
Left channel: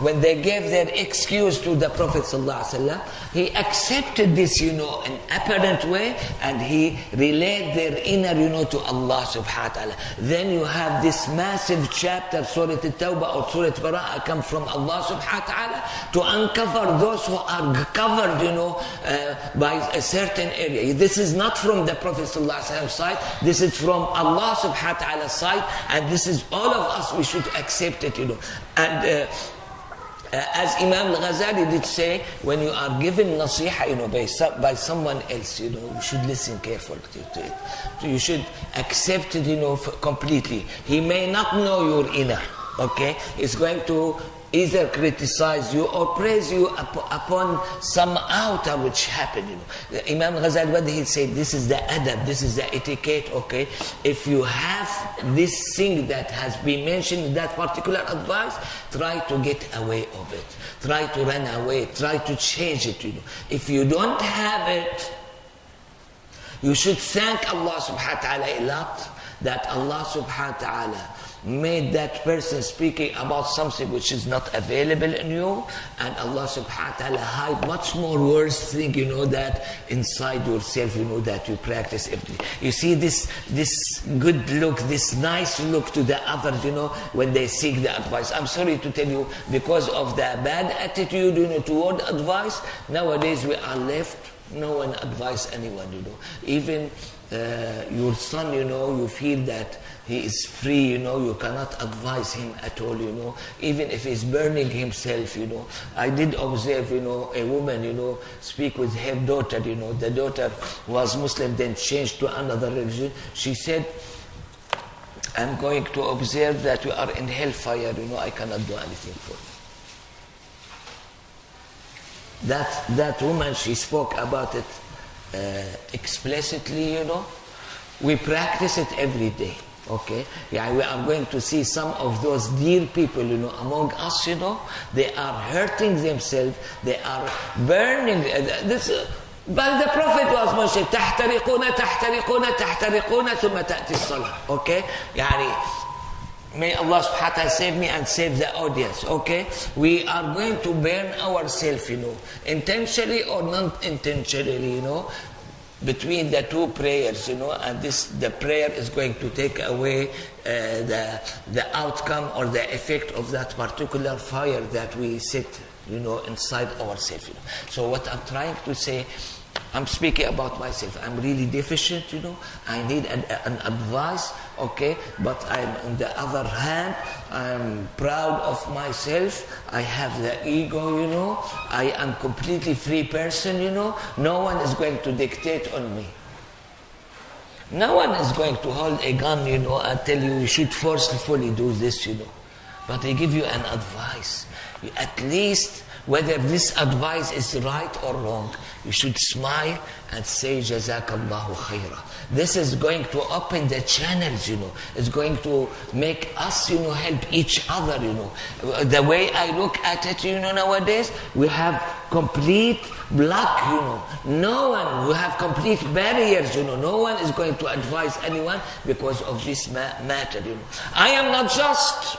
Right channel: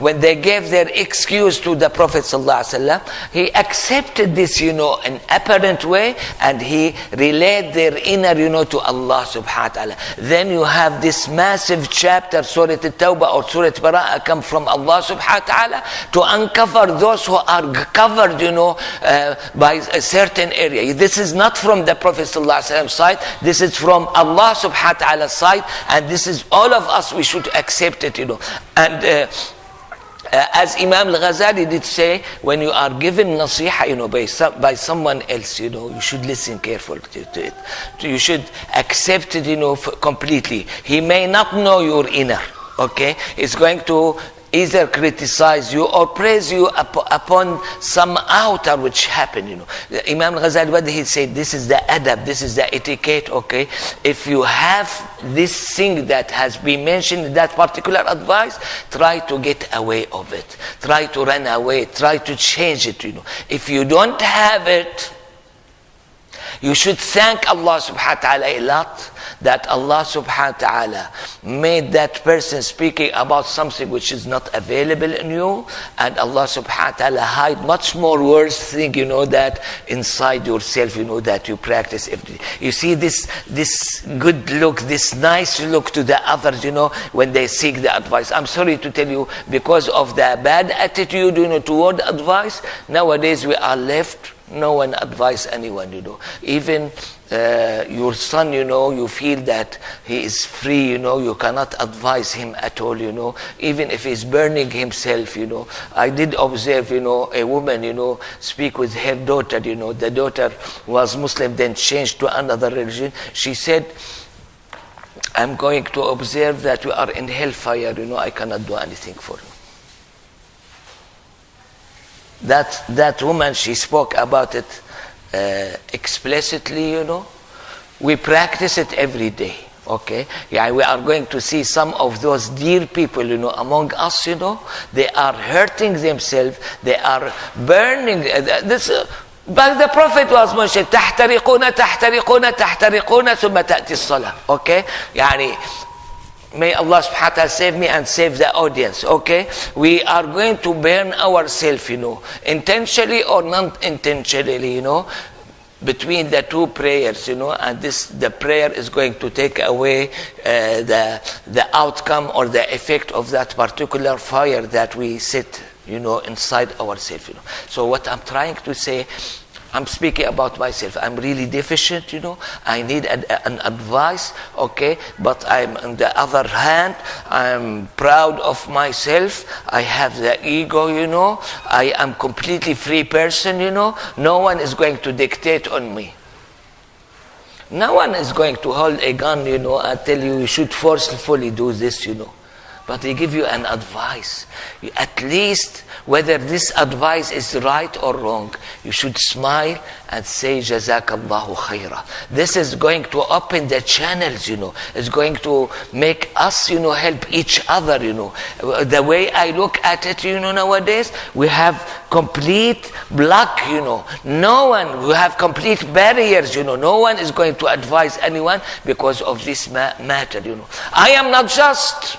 when they gave their excuse to the Prophet ﷺ, he accepted this, in apparent way, and he relayed their inner, to Allah subhanahu wa ta'ala. Then you have this massive chapter, Surah At-Tawbah or Surah Bara'ah, come from Allah subhanahu wa ta'ala to uncover those who are covered, by a certain area. This is not from the Prophet ﷺ side. This is from Allah subhanahu wa ta'ala side, and this is all of us, we should accept it, And as Imam al-Ghazali did say, when you are given nasiha, by someone else, you should listen carefully to it. You should accept it, completely. He may not know your inner, okay? It's going to either criticize you or praise you upon some outer which happened, Imam Ghazali, what he said, this is the adab, this is the etiquette, okay? If you have this thing that has been mentioned in that particular advice, try to get away of it. Try to run away. Try to change it, If you don't have it, You should thank Allah subhanahu wa ta'ala a lot that Allah subhanahu wa ta'ala made that person speaking about something which is not available in you, and Allah subhanahu wa ta'ala hide much more worse thing, that inside yourself, that you practice every day. You see this good look, this nice look to the others, when they seek the advice. I'm sorry to tell you, because of the bad attitude, toward advice, nowadays we are left, no one advise anyone, Even your son, you feel that he is free, you cannot advise him at all, even if he's burning himself, I did observe, a woman, speak with her daughter, the daughter was Muslim, then changed to another religion. She said, I'm going to observe that you are in hellfire, I cannot do anything for you. That woman, she spoke about it explicitly, We practice it every day, okay? Yeah, we are going to see some of those dear people, among us, they are hurting themselves, they are burning. But the Prophet was mentioned, تحترقون تحترقون تحترقون ثم تأتي الصلاة, okay? May Allah subhanahu wa ta'ala save me and save the audience, okay? We are going to burn ourselves, intentionally or non-intentionally, between the two prayers, and the prayer is going to take away the outcome or the effect of that particular fire that we set, inside ourselves, So what I'm trying to say, I'm speaking about myself. I'm really deficient, I need an advice, okay? But on the other hand, I'm proud of myself. I have the ego, I am completely free person, No one is going to dictate on me. No one is going to hold a gun, and tell you should forcefully do this, But they give you an advice. At least, whether this advice is right or wrong, you should smile and say, Jazakallahu khaira. This is going to open the channels, It's going to make us, help each other, The way I look at it, nowadays, we have complete block, No one, we have complete barriers, No one is going to advise anyone because of this matter, I am not just.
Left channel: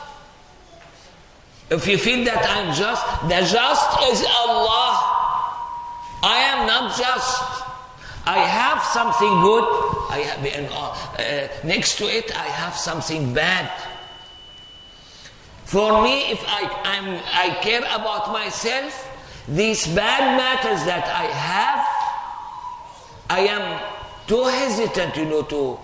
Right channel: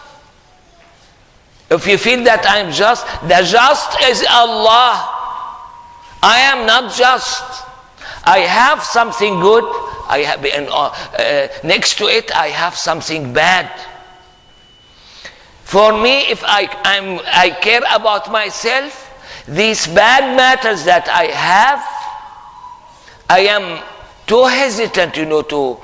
If you feel that I'm just, the just is Allah. I am not just. I have something good. I have next to it, I have something bad. For me, if I care about myself, these bad matters that I have, I am too hesitant, to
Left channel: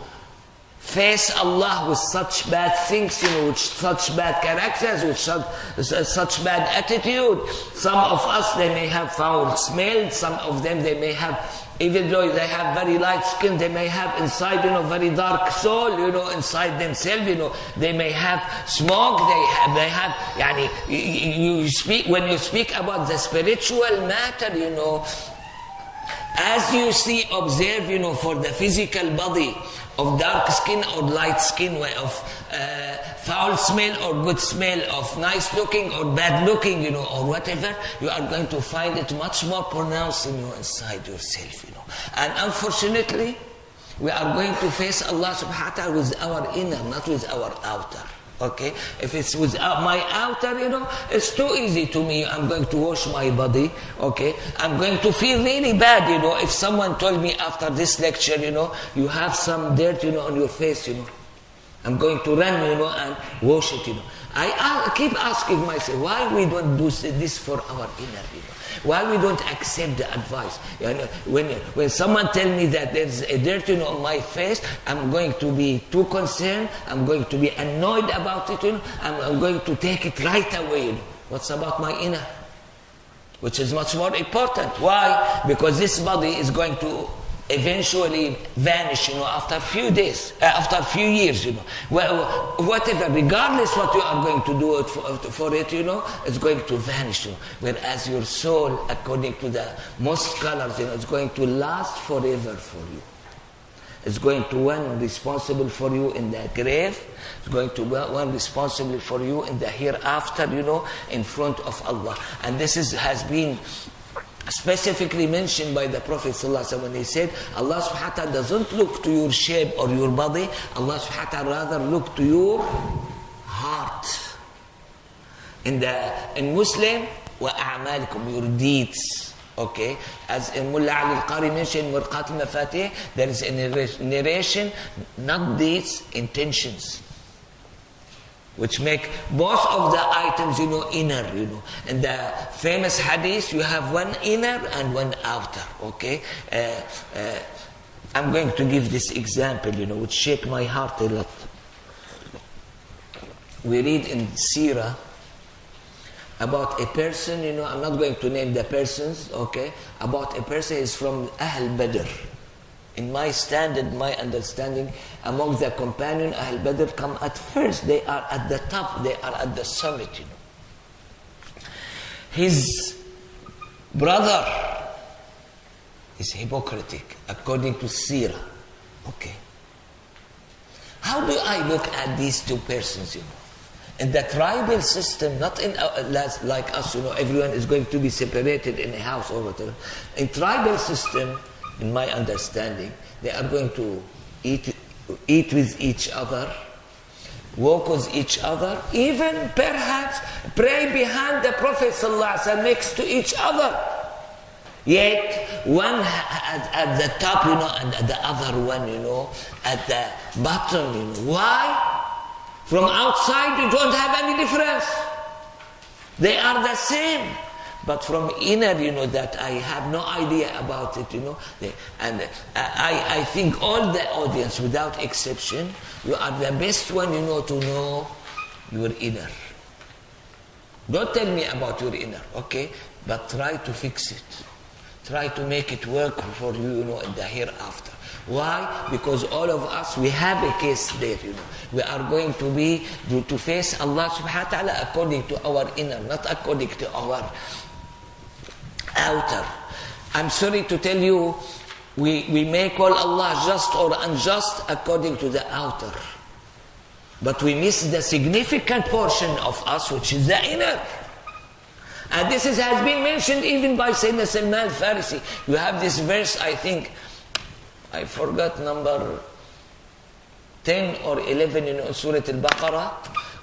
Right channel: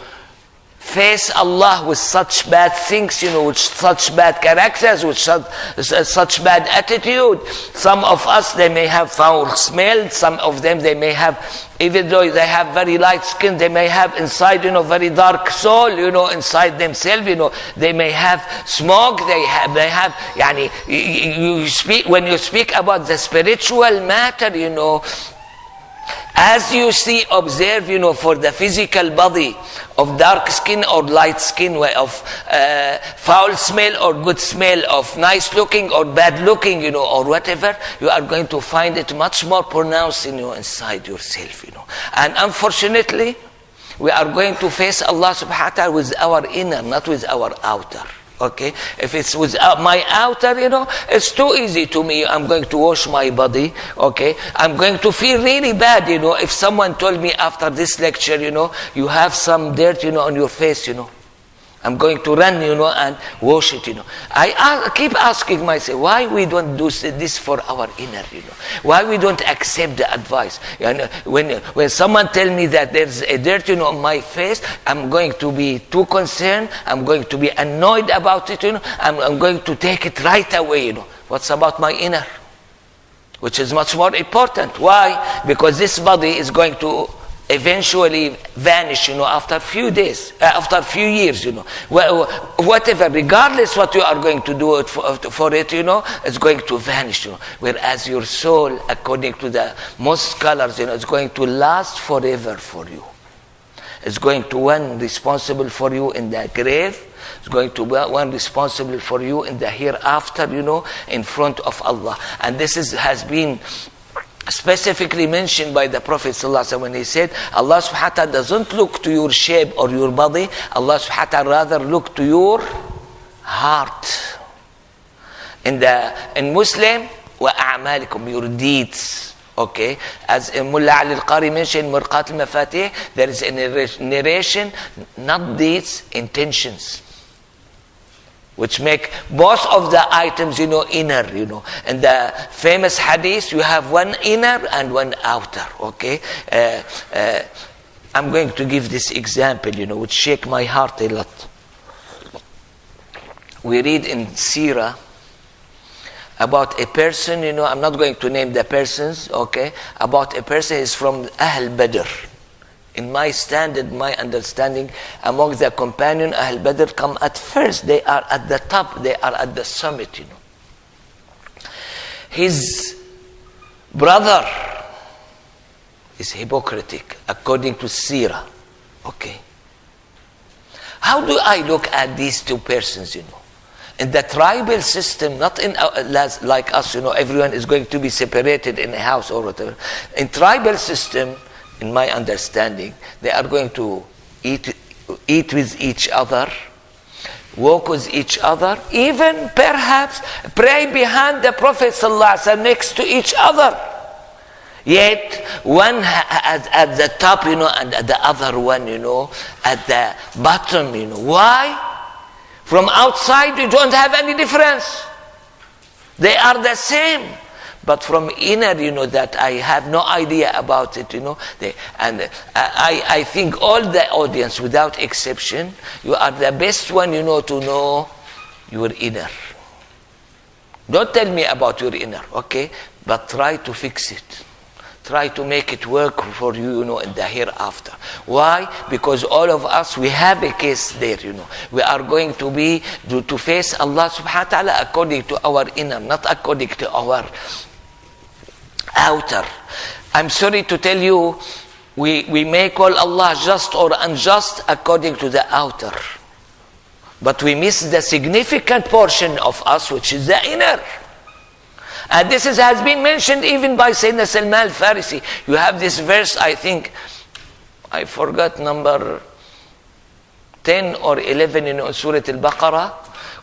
face Allah with such bad things, with such bad characters, with such bad attitude. Some of us, they may have foul smell. Some of them, they may have, even though they have very light skin, they may have inside, very dark soul, inside themselves, They may have smoke, they have, you speak, when you speak about the spiritual matter, as you see, observe, for the physical body of dark skin or light skin, of foul smell or good smell, of nice looking or bad looking, or whatever, you are going to find it much more pronounced inside yourself, And unfortunately, we are going to face Allah subhanahu wa ta'ala with our inner, not with our outer. Okay, if it's with my outer, it's too easy to me. I'm going to wash my body. Okay, I'm going to feel really bad. If someone told me after this lecture, you have some dirt, on your face, I'm going to run, and wash it, I keep asking myself, why we don't do this for our inner, Why we don't accept the advice? When someone tell me that there's a dirt, on my face, I'm going to be too concerned. I'm going to be annoyed about it, I'm going to take it right away, What's about my inner? Which is much more important. Why? Because this body is going to eventually vanish, after a few days, after a few years, whatever, regardless what you are going to do for it, it's going to vanish, Whereas your soul, according to the most scholars, it's going to last forever for you. It's going to one responsible for you in the grave. It's going to be one responsible for you in the hereafter, in front of Allah. And this has been specifically mentioned by the Prophet ﷺ when he said, Allah subhanahu wa ta'ala doesn't look to your shape or your body, Allah subhanahu wa ta'ala rather look to your heart. In Muslim, وَأَعْمَالِكُمْ, your deeds. Okay, as Mullah Ali Al-Qari mentioned, Mirqat al-Mafatih, there is a narration, not deeds, intentions, which make both of the items, inner, And the famous hadith, you have one inner and one outer, okay? I'm going to give this example, which shake my heart a lot. We read in Sirah about a person, I'm not going to name the persons, okay? About a person is from Ahl Badr. In my standard, my understanding, among the companion, Ahl Badr come at first. They are at the top. They are at the summit, His brother is hypocritic, according to Sirah. Okay. How do I look at these two persons, In the tribal system, not in like us, everyone is going to be separated in a house or whatever. In tribal system, in my understanding, they are going to eat with each other, walk with each other, even perhaps pray behind the Prophet ﷺ next to each other. Yet one at the top, and the other one, at the bottom, Why? From outside, you don't have any difference. They are the same. But from inner, that I have no idea about it, I think all the audience, without exception, you are the best one, to know your inner. Don't tell me about your inner, okay? But try to fix it. Try to make it work for you, in the hereafter. Why? Because all of us, we have a case there, We are going to be, to face Allah subhanahu wa ta'ala according to our inner, not according to our outer. I'm sorry to tell you, we may call Allah just or unjust according to the outer. But we miss the significant portion of us, which is the inner. And this has been mentioned even by Sayyidina Salman al-Farisi. You have this verse, I think, I forgot number 10 or 11 in Surah Al-Baqarah.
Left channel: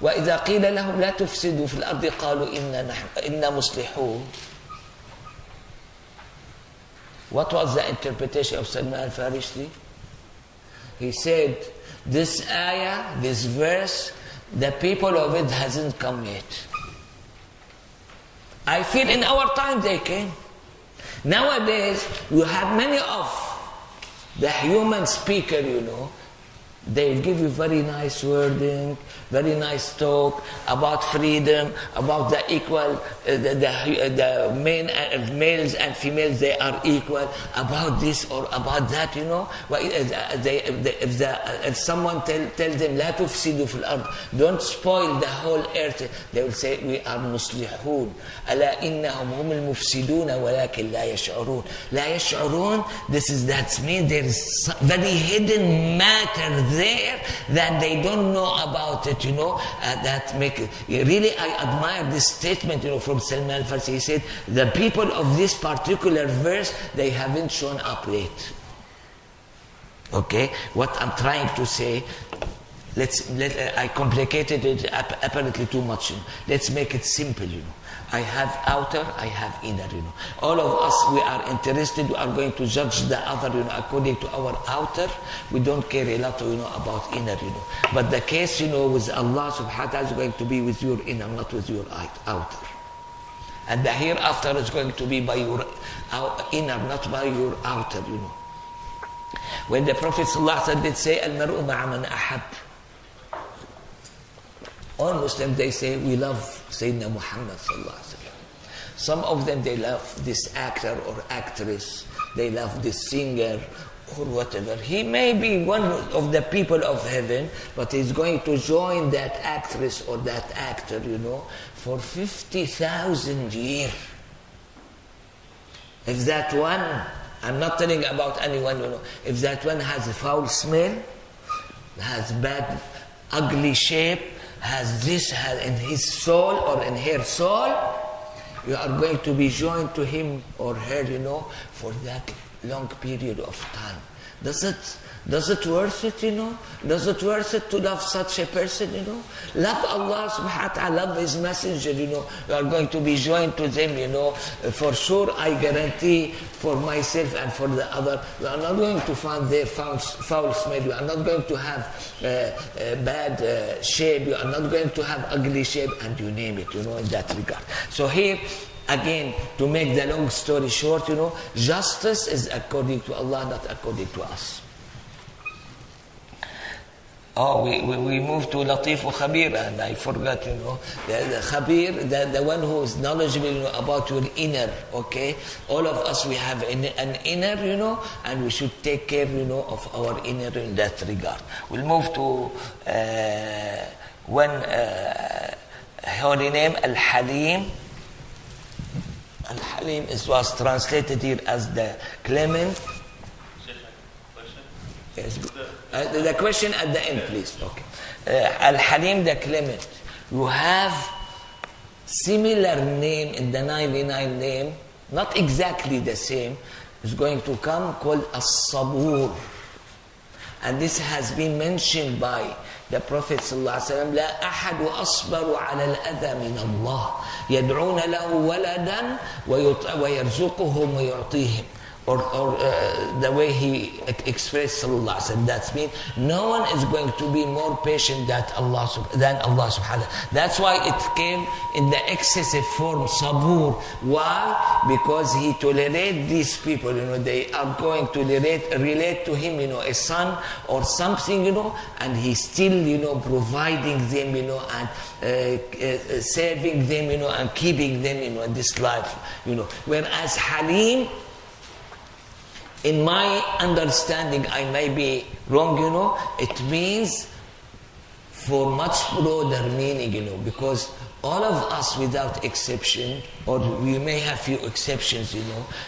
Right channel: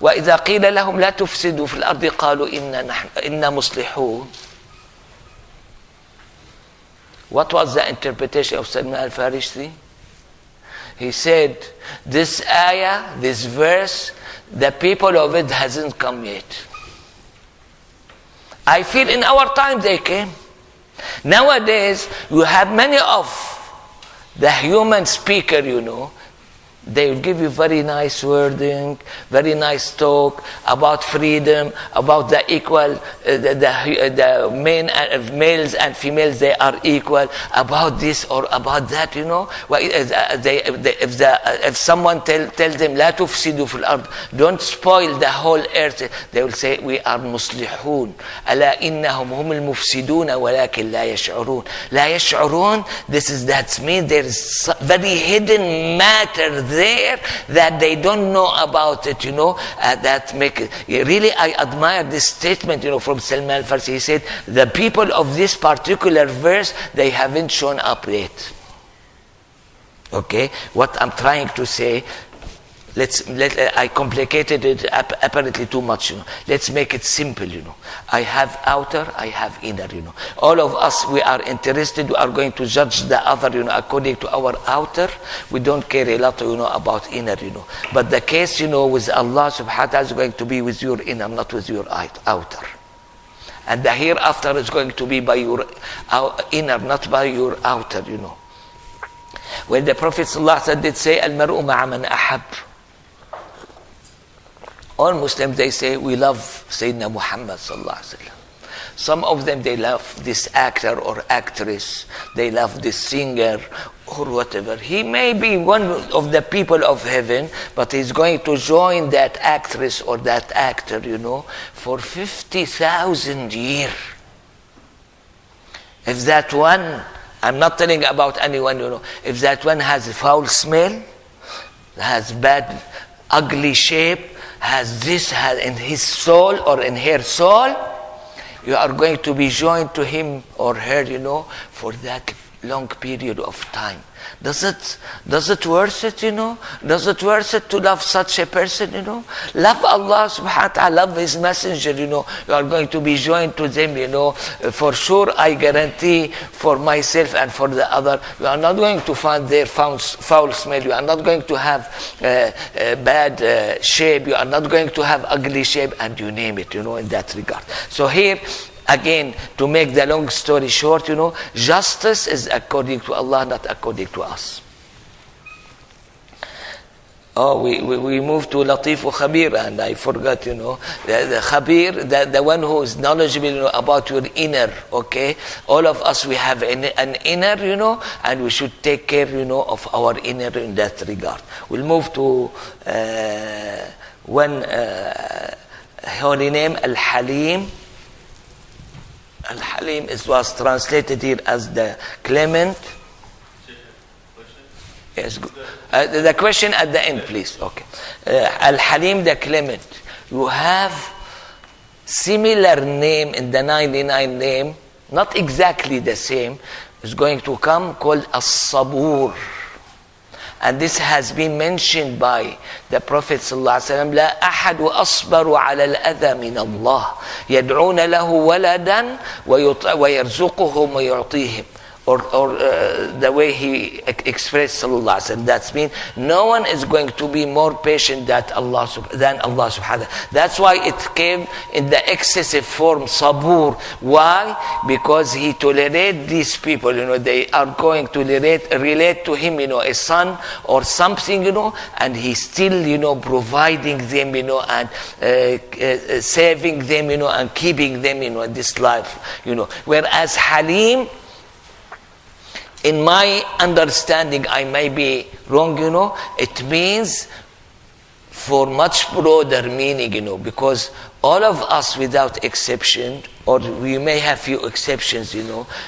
وَإِذَا قِيلَ لَهُمْ لَا تُفْسِدُوا فِي الْأَرْضِ قَالُوا إِنَّا مُصْلِحُونَ. What was the interpretation of Salman al-Farisi? He said, this ayah, this verse, the people of it hasn't come yet. I feel in our time they came. Nowadays, you have many of the human speaker, they will give you very nice wording, very nice talk about freedom, about the equal, the males and females, they are equal, about this or about that, If someone tells them, لا تفسدوا في الأرض, don't spoil the whole earth, they will say, we are مصلحون. ألا إنهم هم المفسدون ولكن لا يشعرون. لا يشعرون, that means there is very hidden matter there that they don't know about it, that make it. Really, I admire this statement, from Salman al-Farsi. He said, the people of this particular verse, they haven't shown up yet. Okay, what I'm trying to say, I complicated it apparently too much, Let's make it simple, I have outer, I have inner, All of us, we are interested, we are going to judge the other, according to our outer. We don't care a lot, about inner, But the case, with Allah subhanahu wa ta'ala is going to be with your inner, not with your outer. And the hereafter is going to be by your inner, not by your outer, When the Prophet sallallahu alaihi wasallam did say, Al-mar'u ma'a man ahab. All Muslims, they say, we love Sayyidina Muhammad sallallahu alaihi wasallam. Some of them, they love this actor or actress. They love this singer or whatever. He may be one of the people of heaven, but he's going to join that actress or that actor, for 50,000 years. If that one, I'm not telling about anyone, if that one has a foul smell, has bad, ugly shape, has in his soul or in her soul, you are going to be joined to him or her, for that long period of time. Does it worth it, Does it worth it to love such a person, Love Allah subhanahu wa ta'ala, love His messenger, You are going to be joined to them, For sure, I guarantee for myself and for the other, you are not going to find their foul smell. You are not going to have bad shape. You are not going to have ugly shape, and you name it, in that regard. So here, again, to make the long story short, justice is according to Allah, not according to us. Oh, we moved to Latif or Khabir, and I forgot, the Khabir, the one who is knowledgeable, about your inner, okay? All of us, we have an inner, and we should take care, of our inner in that regard. We'll move to one holy name, Al-Halim. Al-Halim was translated here as the clement. Yes, good. The question at the end, please. Okay. Al-Halim, the clement. You have similar name in the 99 name, not exactly the same. It's going to come called As-Sabur. And this has been mentioned by the Prophet ﷺ. لا أحد أصبر على الأذى من الله يدعون له ولدا ويرزقهم ويعطيهم. Or the way he expressed sallallahu alaihi wasallam. That means no one is going to be more patient than Allah subhanahu wa ta'ala. That's why it came in the excessive form, sabur. Why? Because he tolerates these people, they are going to relate to him, a son or something, and he's still, providing them, and saving them, and keeping them, this life, Whereas Halim, in my understanding, I may be wrong, it means for much broader meaning, because all of us without exception, or we may have few exceptions,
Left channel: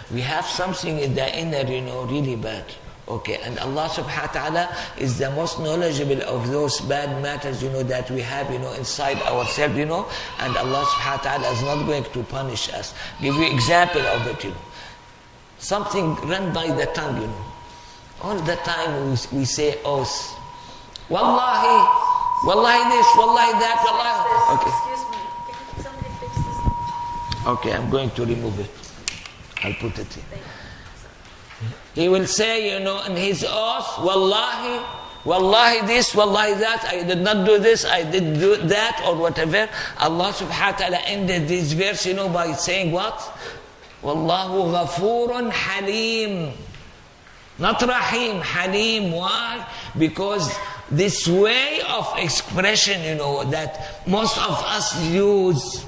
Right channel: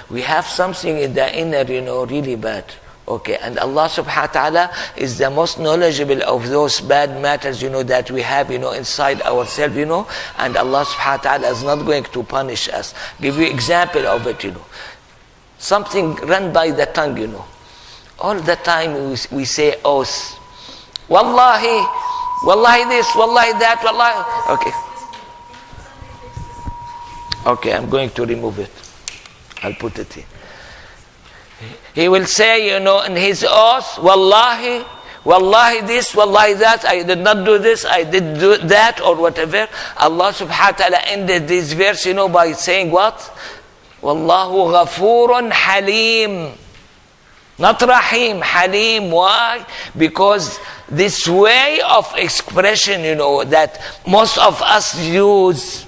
we have something in the inner, really bad. Okay, and Allah subhanahu wa ta'ala is the most knowledgeable of those bad matters, that we have, inside ourselves, and Allah subhanahu wa ta'ala is not going to punish us. Give you example of it, Something run by the tongue, All the time we say oaths. Wallahi, wallahi this, wallahi that, wallahi. Okay, I'm going to remove it. I'll put it in. He will say, in his oath, wallahi, wallahi this, wallahi that, I did not do this, I did do that, or whatever. Allah subhanahu wa ta'ala ended this verse, by saying what? Wallahu ghafurun halim. Not rahim, halim. Why? Because this way of expression, that most of us use,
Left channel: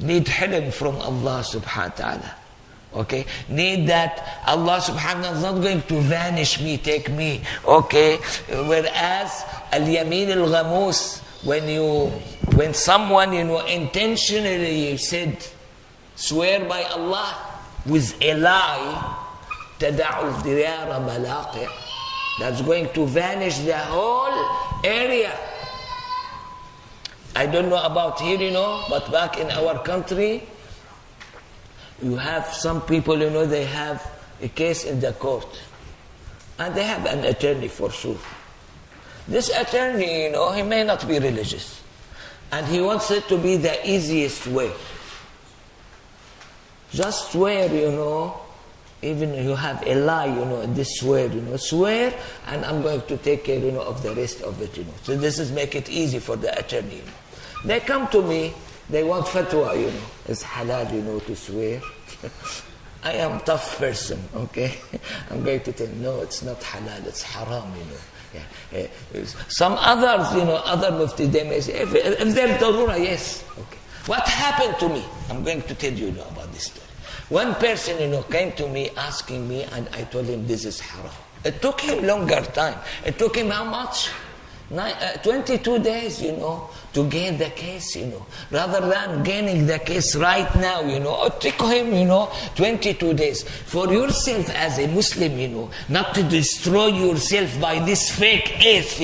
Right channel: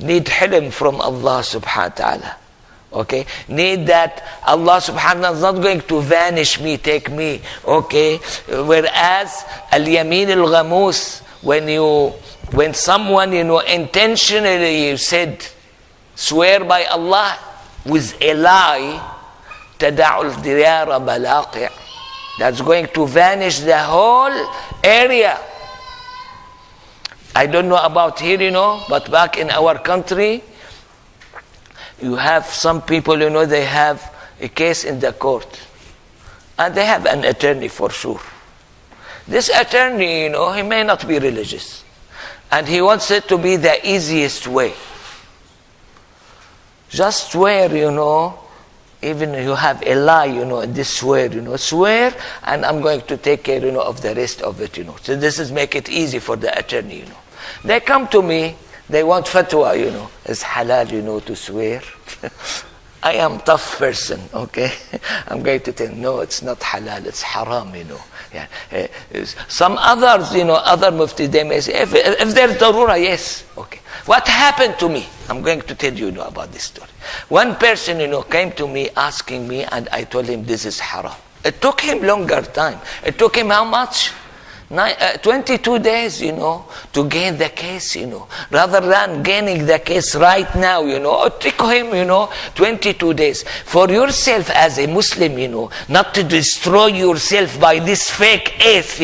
need hilm from Allah subhanahu wa ta'ala. Okay? Need that Allah subhanahu wa ta'ala is not going to vanish me, take me. Okay? Whereas al-yamin al-ghamus, when someone, intentionally said, swear by Allah with a lie, تَدَعُ الْدِيَارَ بَلَاقِعَ. That's going to vanish the whole area. I don't know about here, but back in our country, you have some people, they have a case in the court. And they have an attorney for sure. This attorney, he may not be religious. And he wants it to be the easiest way. Just swear, even you have a lie, in this swear, swear, and I'm going to take care, of the rest of it, So this is make it easy for the attorney, They come to me, they want fatwa, Is halal, to swear? I am tough person, okay? I'm going to tell, no, it's not halal, it's haram, Yeah. Some others, other mufti, they may say, if there's darura, yes, okay. What happened to me? I'm going to tell you, about this story. One person, came to me asking me, and I told him this is haram. It took him longer time. It took him how much? 22 days, to gain the case, Rather than gaining the case right now, it took him, 22 days. For yourself as a Muslim, not to destroy yourself by this fake oath,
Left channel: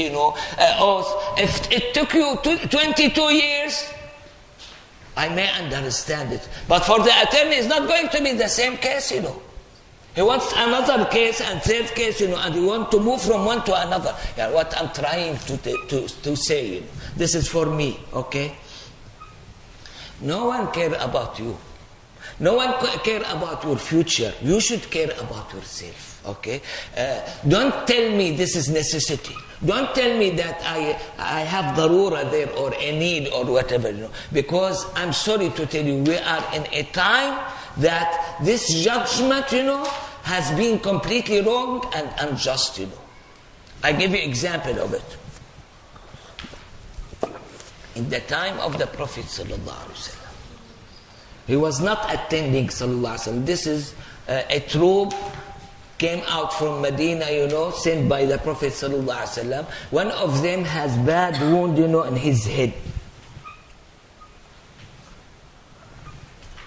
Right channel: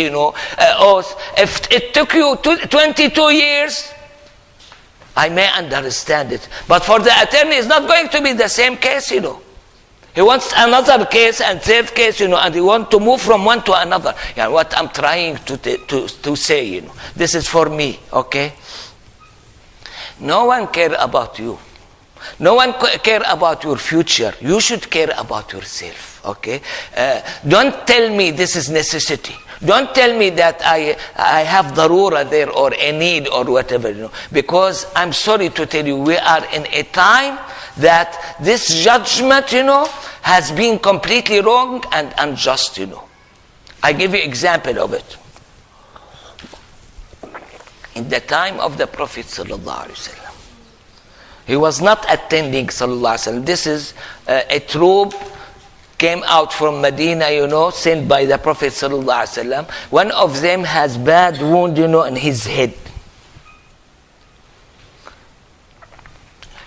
oath. If it took you 22 years, I may understand it. But for the attorney, it's not going to be the same case, He wants another case and third case, and he wants to move from one to another. What I'm trying to say, this is for me, okay? No one care about you. No one care about your future. You should care about yourself, okay? Don't tell me this is necessity. Don't tell me that I have darura there or a need or whatever, Because I'm sorry to tell you, we are in a time that this judgment, has been completely wrong and unjust, I give you example of it. In the time of the Prophet sallallahu alaihi wasallam, he was not attending sallallahu alaihi wasallam. This is a troop came out from Medina, sent by the Prophet sallallahu alaihi wasallam. One of them has bad wound, in his head.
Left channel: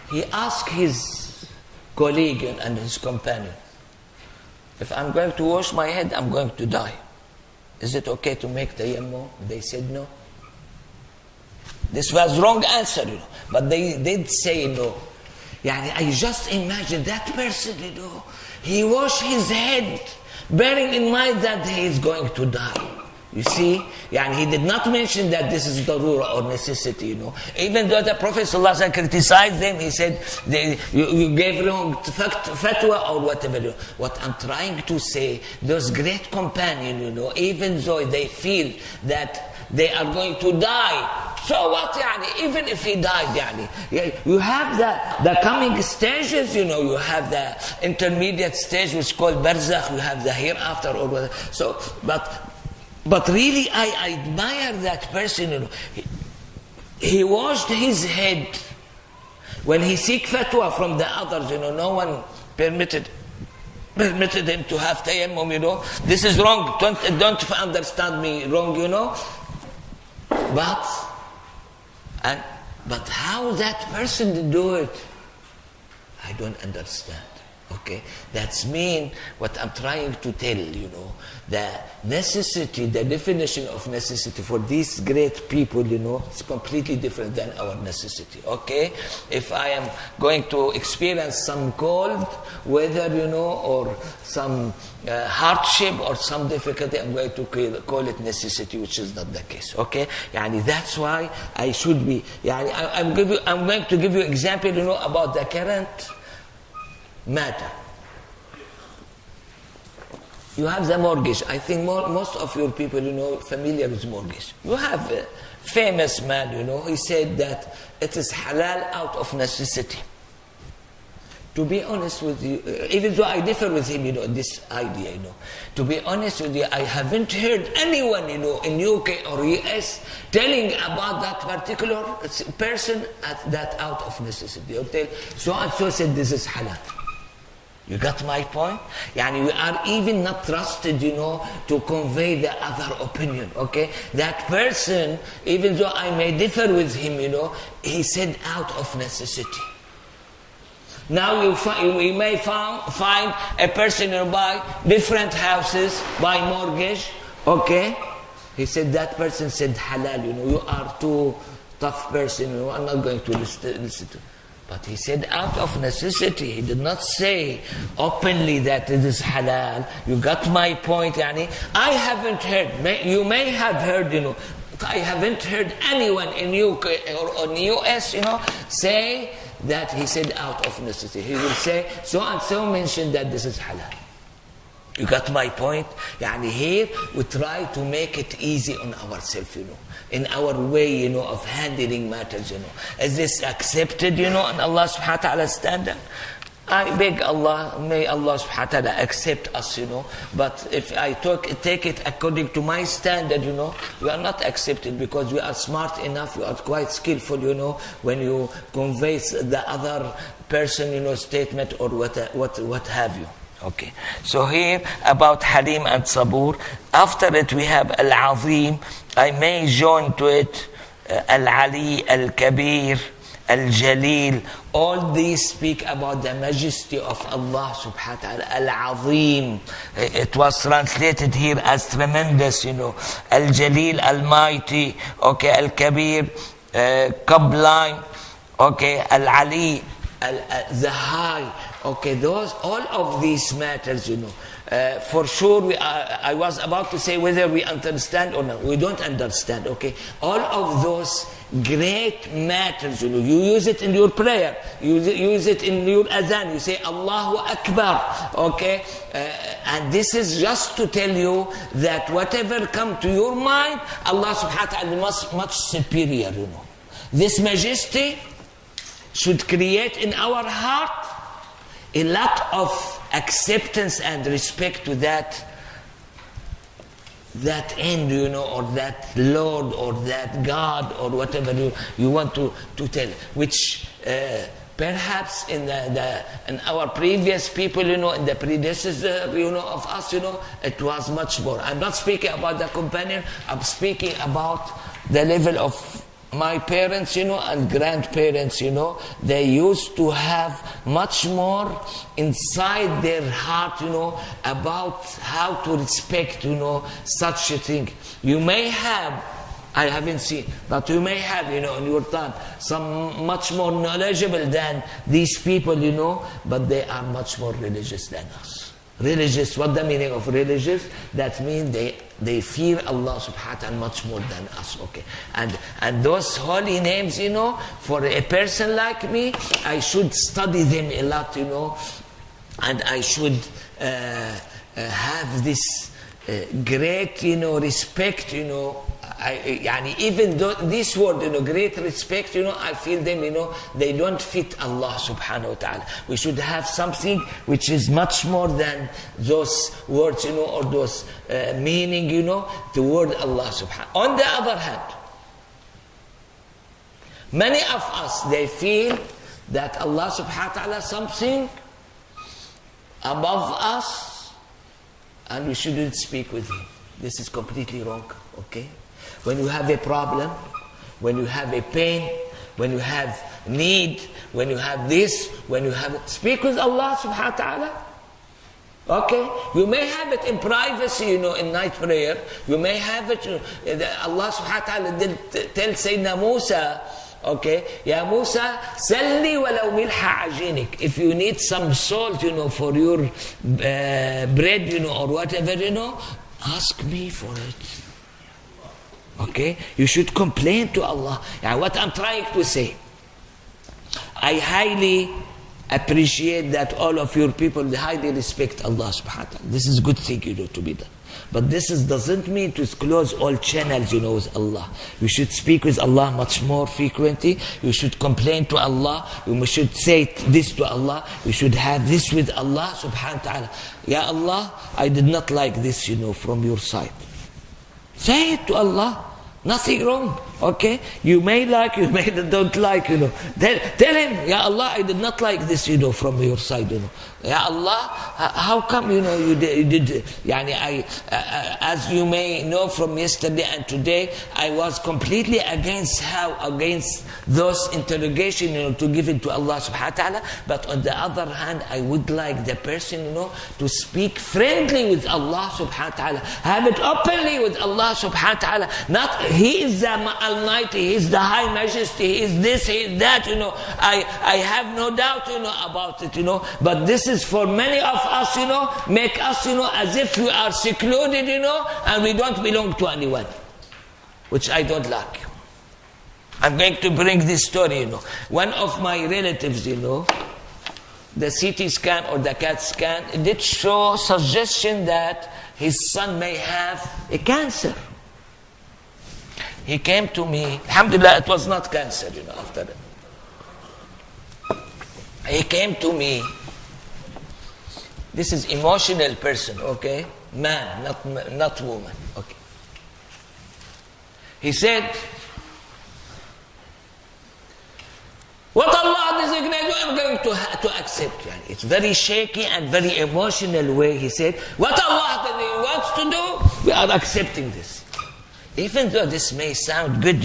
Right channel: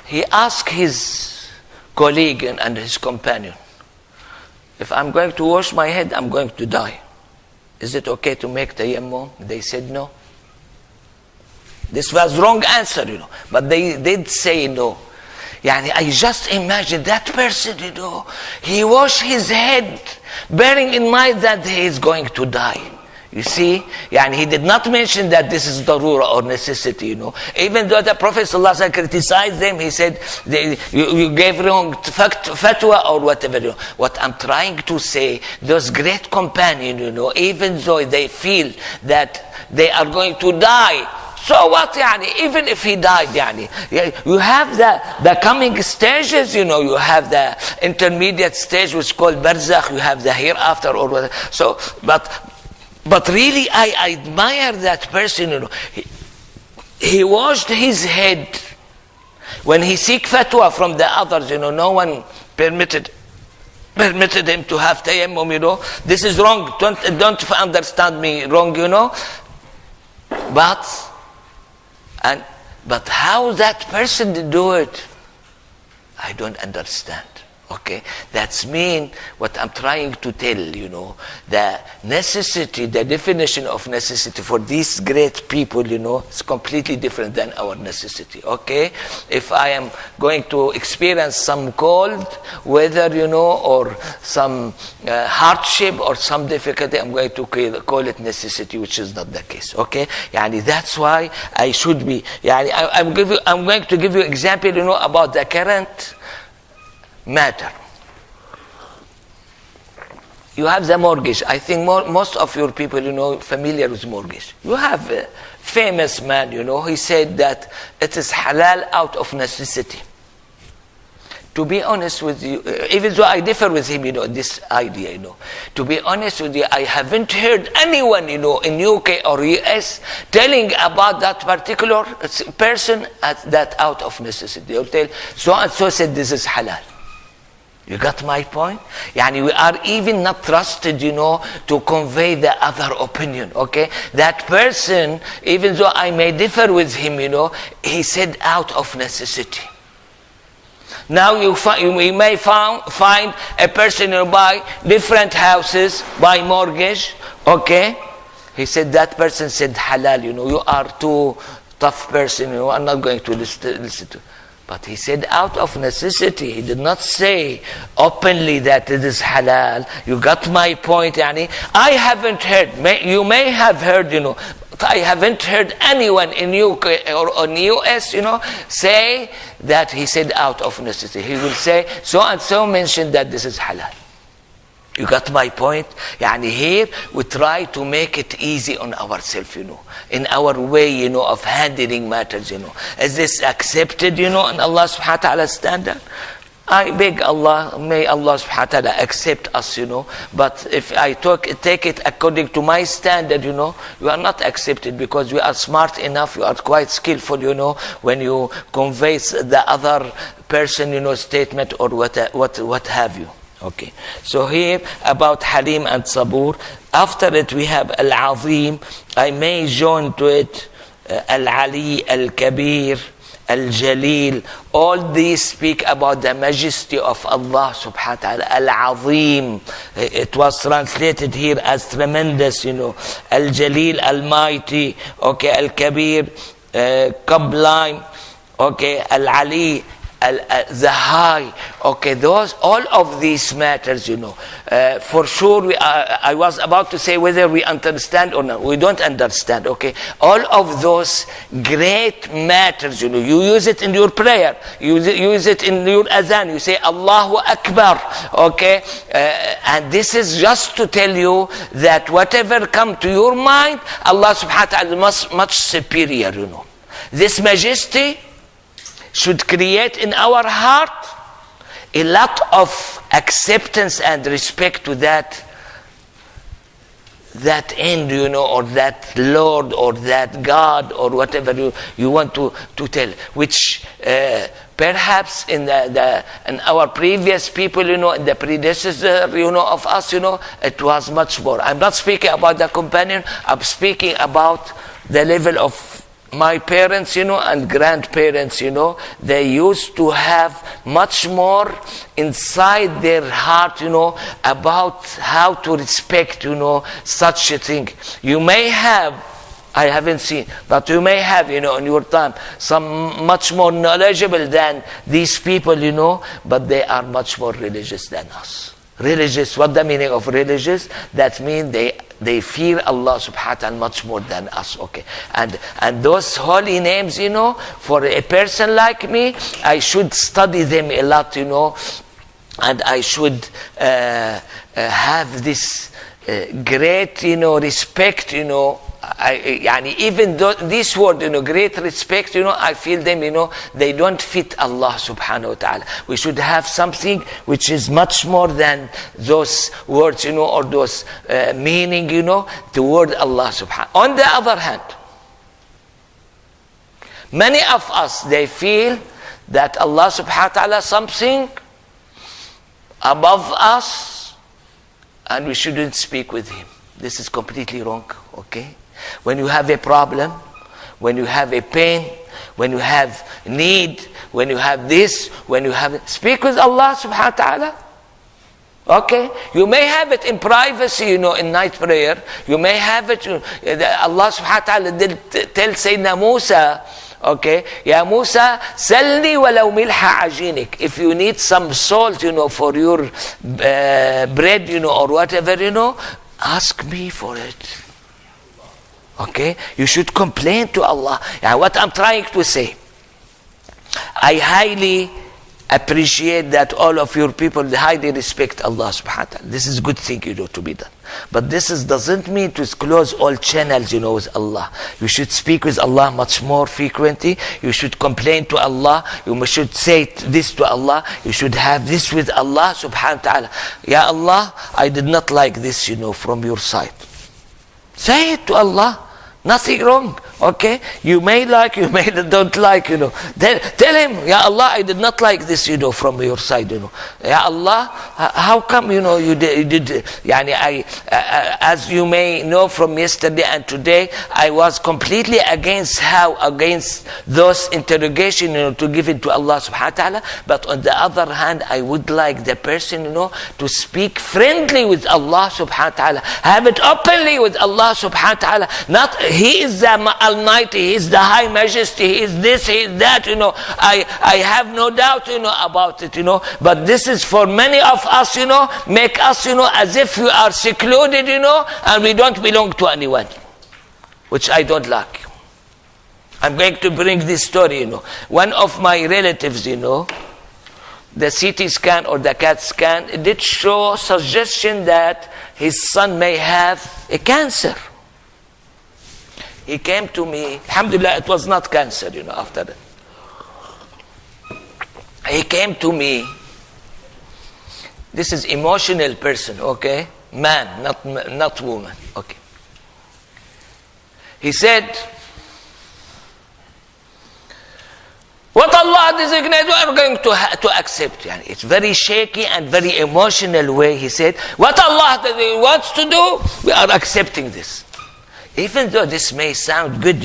He asked his colleague and his companion, if I'm going to wash my head, I'm going to die. Is it okay to make tayammum? They said no. This was wrong answer, But they did say no. I just imagine that person, he washed his head, bearing in mind that he is going to die. You see? He did not mention that this is darura or necessity, Even though the Prophet ﷺ criticized them, he said, you gave wrong fatwa or whatever. What I'm trying to say, those great companions, even though they feel that they are going to die, so what, even if he died, you have the coming stages, you have the intermediate stage which is called barzakh, you have the hereafter or whatever. So, but really I admire that person, he washed his head. When he seek fatwa from the others, no one permitted him to have tayammum, This is wrong, don't understand me wrong, But how that person did do it, I don't understand. Okay, that's mean what I'm trying to tell, the necessity, the definition of necessity for these great people, is completely different than our necessity. Okay, if I am going to experience some cold weather, or some hardship or some difficulty, I'm going to call it necessity, which is not the case. Okay, that's why I should be. I'm going to give you example, about the current matter. You have the mortgage. I think most of your people, familiar with mortgage. You have a famous man, he said that it is halal out of necessity. To be honest with you, even though I differ with him, this idea, to be honest with you, I haven't heard anyone, in UK or US telling about that particular person that out of necessity. They'll tell, so and so said this is halal. You got my point? We are even not trusted, to convey the other opinion, okay? That person, even though I may differ with him, he said out of necessity. Now you may find a person who buy different houses by mortgage, okay? He said that person said halal, you are too tough person, I'm not going to listen to. But he said out of necessity. He did not say openly that it is halal. You got my point, I haven't heard, you may have heard, but I haven't heard anyone in UK or in US, say that he said out of necessity. He will say, so and so mentioned that this is halal. You got my point? Here we try to make it easy on ourselves, in our way, of handling matters, Is this accepted, in Allah subhanahu wa ta'ala's standard? I beg Allah, may Allah subhanahu wa ta'ala accept us, But if I take it according to my standard, we are not accepted because we are smart enough, we are quite skillful, when you convey the other person, statement or what have you. Okay, so here about Halim and Sabur. After it we have Al-Azim. I may join to it Al-Ali, Al-Kabir, Al-Jalil. All these speak about the majesty of Allah subhanahu wa ta'ala. Al-Azim. It was translated here as tremendous, Al-Jalil, Almighty. Okay, Al-Kabir, Sublime. okay, Al-Ali, the high, okay, those, all of these matters, for sure, I was about to say whether we understand or not. We don't understand, okay? All of those great matters, you use it in your prayer, you use it in your azan, you say Allahu Akbar, okay? And this is just to tell you that whatever come to your mind, Allah subhanahu wa ta'ala is much superior, This majesty should create in our heart a lot of acceptance and respect to that end, or that Lord, or that God, or whatever you want to tell, which perhaps in our previous people, in the predecessor, of us, it was much more. I'm not speaking about the companion, I'm speaking about the level of my parents, and grandparents, they used to have much more inside their heart, about how to respect, such a thing. You may have, I haven't seen, but you may have, in your time, some much more knowledgeable than these people, but they are much more religious than us. Religious, what the meaning of religious? That means they fear Allah subhanahu wa ta'ala much more than us, okay? And those holy names, for a person like me, I should study them a lot, and I should have this great, respect, even though this word, great respect, I feel them, they don't fit Allah subhanahu wa ta'ala. We should have something which is much more than those words, or those meaning, toward Allah subhanahu. On the other hand, many of us, they feel that Allah subhanahu wa ta'ala something above us, and we shouldn't speak with Him. This is completely wrong, okay? When you have a problem, when you have a pain, when you have need, when you have this, when you have... Speak with Allah subhanahu wa ta'ala. Okay? You may have it in privacy, in night prayer. You may have it... Allah subhanahu wa ta'ala did tell Sayyidina Musa, okay, Ya Musa, salni walau milha ajinik. If you need some salt, for your bread, or whatever, ask me for it. Okay, you should complain to Allah. What I'm trying to say, I highly appreciate that all of your people, they highly respect Allah subhanahu wa ta'ala. This is a good thing, to be done. But this doesn't mean to close all channels, with Allah. You should speak with Allah much more frequently. You should complain to Allah. You should say this to Allah. You should have this with Allah subhanahu wa ta'ala. Ya Allah, I did not like this, from your side. Say it to Allah. Nothing wrong, okay? You may like, you may don't like, Tell Him, Ya Allah, I did not like this, from your side, Ya Allah, how come, you did, as you may know from yesterday and today, I was completely against those interrogation, to give it to Allah subhanahu wa ta'ala. But on the other hand, I would like the person, to speak friendly with Allah subhanahu wa ta'ala. Have it openly with Allah subhanahu wa ta'ala. Not, He is the Almighty, He is the High Majesty, He is this, He is that, I have no doubt, about it, But this is for many of us, make us, as if we are secluded, and we don't belong to anyone, which I don't like. I'm going to bring this story, One of my relatives, the CT scan or the CAT scan, it did show suggestion that his son may have a cancer. He came to me, alhamdulillah, it was not cancer, after that. He came to me. This is emotional person, okay? Man, not woman, okay. He said, what Allah designated, we are going to accept. It's very shaky and very emotional way. He said, what Allah wants to do, we are accepting this. Even though this may sound good,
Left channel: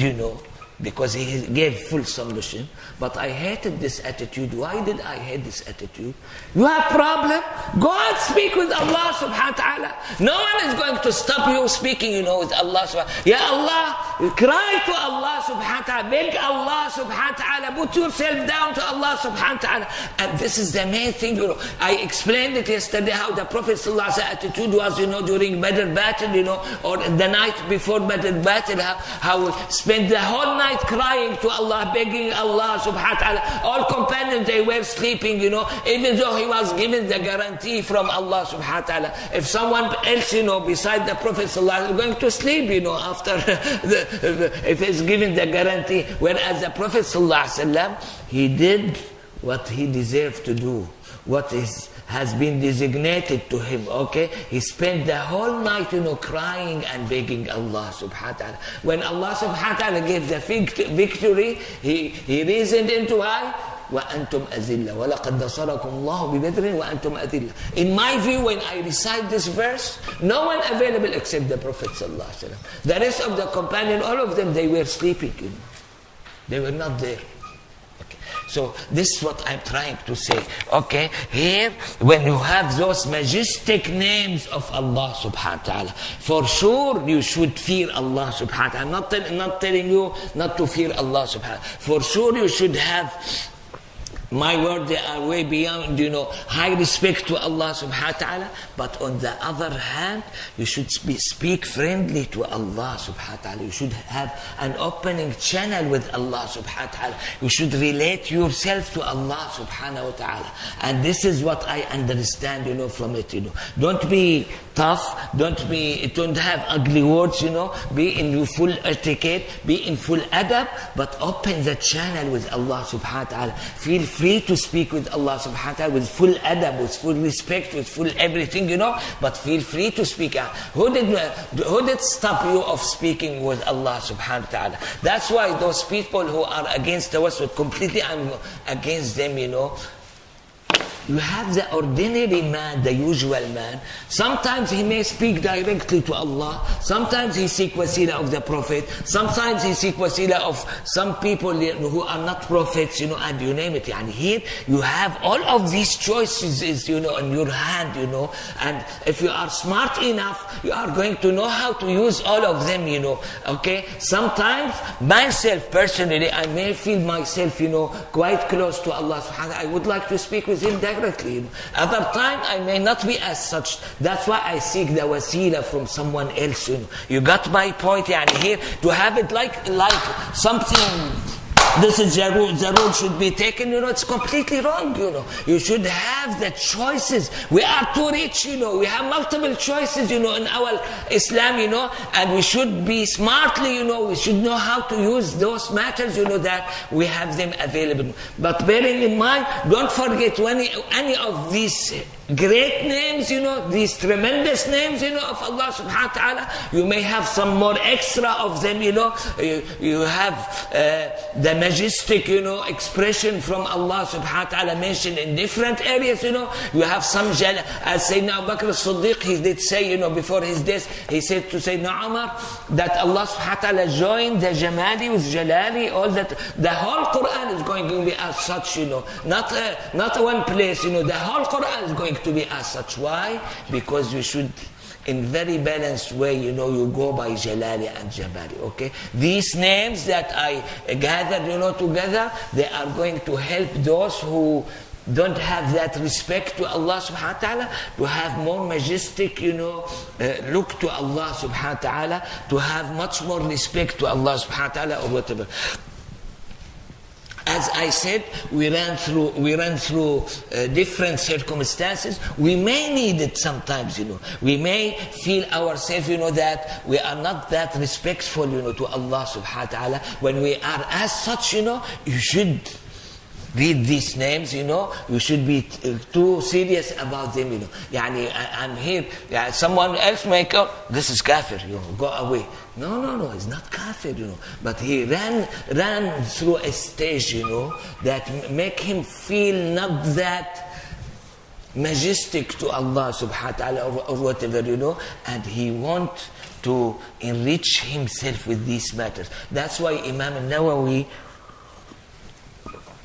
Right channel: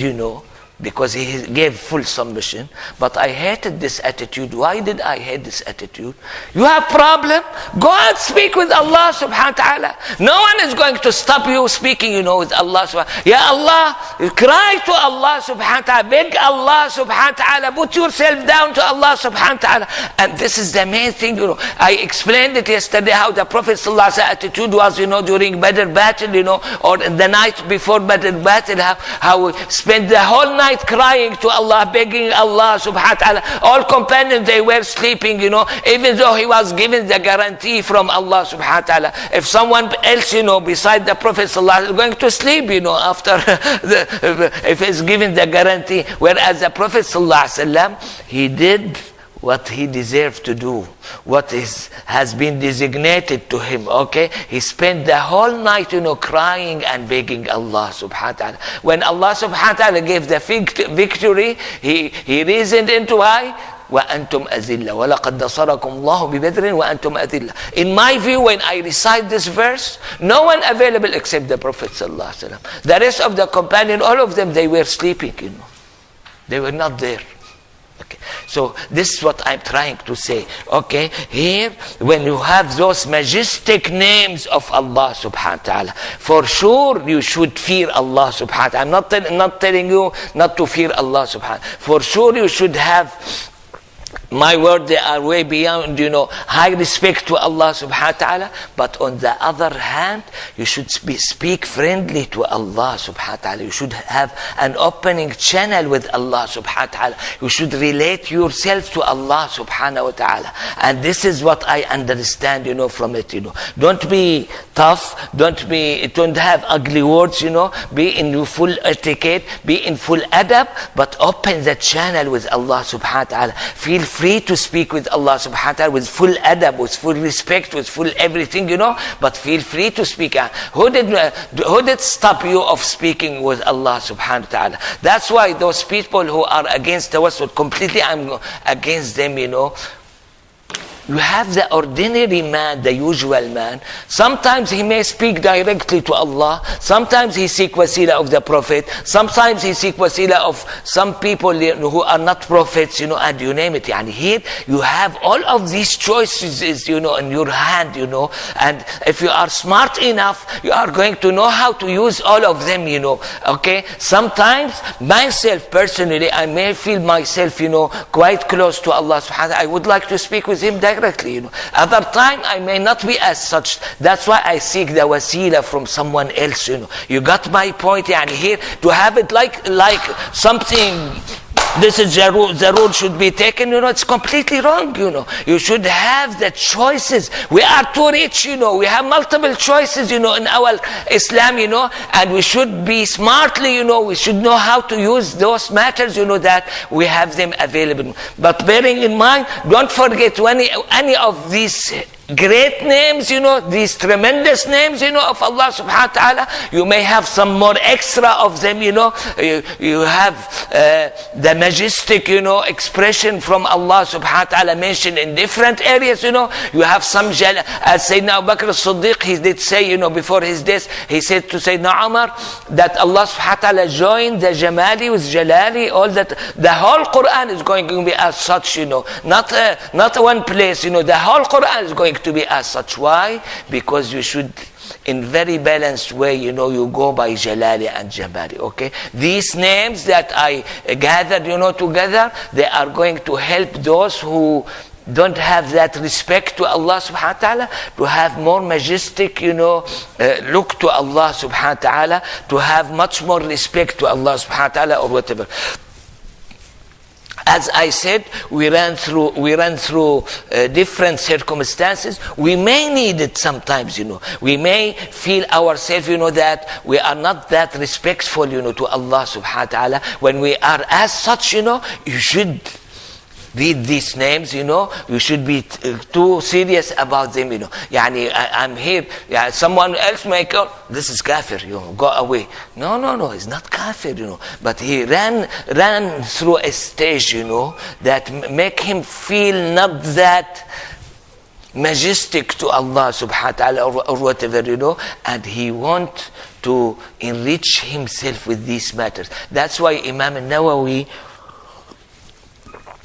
because he gave full submission. But I hated this attitude. Why did I hate this attitude? You have problem? Go and speak with Allah subhanahu wa ta'ala. No one is going to stop you speaking, with Allah subhanahu wa ta'ala. Ya Allah, cry to Allah subhanahu wa ta'ala. Beg Allah subhanahu wa ta'ala. Put yourself down to Allah subhanahu wa ta'ala. And this is the main thing, I explained it yesterday how the Prophet sallallahu alaihi wasallam attitude was, during Badr battle, or the night before Badr battle, how he spent the whole night crying to Allah, begging Allah subhanahu wa ta'ala. All companions, they were sleeping, even though he was given the guarantee from Allah subhanahu wa ta'ala. If someone else, beside the Prophet sallallahu alaihi wasallam is going to sleep, after if he's given the guarantee. Whereas the Prophet sallallahu alaihi wasallam, he did what he deserved to do, what has been designated to him, okay? He spent the whole night, crying and begging Allah subhanahu wa ta'ala. When Allah subhanahu wa ta'ala gave the victory, he reasoned into why? وَأَنْتُمْ أَذِلَّةٌ وَلَقَدْ نَصَرَكُمْ اللَّهُ بِبَدْرٍ وَأَنْتُمْ أَذِلَّةٌ. In my view, when I recite this verse, no one available except the Prophet sallallahu alaihi wasallam. The rest of the companions, all of them, they were sleeping, They were not there. So this is what I'm trying to say. Okay, here when you have those majestic names of Allah subhanahu wa ta'ala, for sure you should fear Allah subhanahu wa ta'ala. I'm not telling you not to fear Allah subhanahu wa ta'ala. For sure you should have, my word, they are way beyond, high respect to Allah subhanahu wa ta'ala. But on the other hand, you should speak friendly to Allah subhanahu wa ta'ala. You should have an opening channel with Allah subhanahu wa ta'ala. You should relate yourself to Allah subhanahu wa ta'ala. And this is what I understand, from it, Don't be tough, don't have ugly words, Be in your full etiquette, be in full adab, but open the channel with Allah subhanahu wa ta'ala. Feel free to speak with Allah subhanahu wa ta'ala with full adab, with full respect, with full everything, but feel free to speak. Who did stop you of speaking with Allah subhanahu wa ta'ala? That's why those people who are against the West, completely I'm against them, You have the ordinary man, the usual man. Sometimes he may speak directly to Allah. Sometimes he seek wasila of the Prophet. Sometimes he seek wasila of some people who are not prophets, and you name it. And here you have all of these choices, in your hand, And if you are smart enough, you are going to know how to use all of them, Okay? Sometimes myself personally, I may feel myself, quite close to Allah subhanahu wa ta'ala. I would like to speak with him directly. Other time I may not be as such. That's why I seek the wasila from someone else. You got my point? Here to have it like something. This is the rule should be taken. It's completely wrong. You should have the choices. We are too rich. We have multiple choices. In our Islam. And we should be smartly. We should know how to use those matters. That we have them available. But bearing in mind, don't forget any of these great names, these tremendous names, of Allah subhanahu wa ta'ala. You may have some more extra of them, You have the majestic, expression from Allah subhanahu wa ta'ala mentioned in different areas, You have some, as Sayyidina Abu Bakr as-Siddiq, he did say, before his death, he said to Sayyidina Umar that Allah subhanahu wa ta'ala joined the Jamali with Jalali, all that. The whole Quran is going to be as such, not one place, the whole Quran is going to be as such. Why? Because you should, in very balanced way, you go by Jalali and Jabali, okay? These names that I gathered, together, they are going to help those who don't have that respect to Allah subhanahu wa ta'ala to have more majestic, look to Allah subhanahu wa ta'ala, to have much more respect to Allah subhanahu wa ta'ala or whatever. As I said, we ran through different circumstances. We may need it sometimes, We may feel ourselves, that we are not that respectful, to Allah subhanahu wa ta'ala. When we are as such, you should read these names, you should be too serious about them, I'm here, someone else may go, this is kafir, go away. No, he's not kafir, but he ran through a stage, that make him feel not that majestic to Allah subhanahu wa ta'ala or whatever, and he want to enrich himself with these matters. That's why Imam al-Nawawi,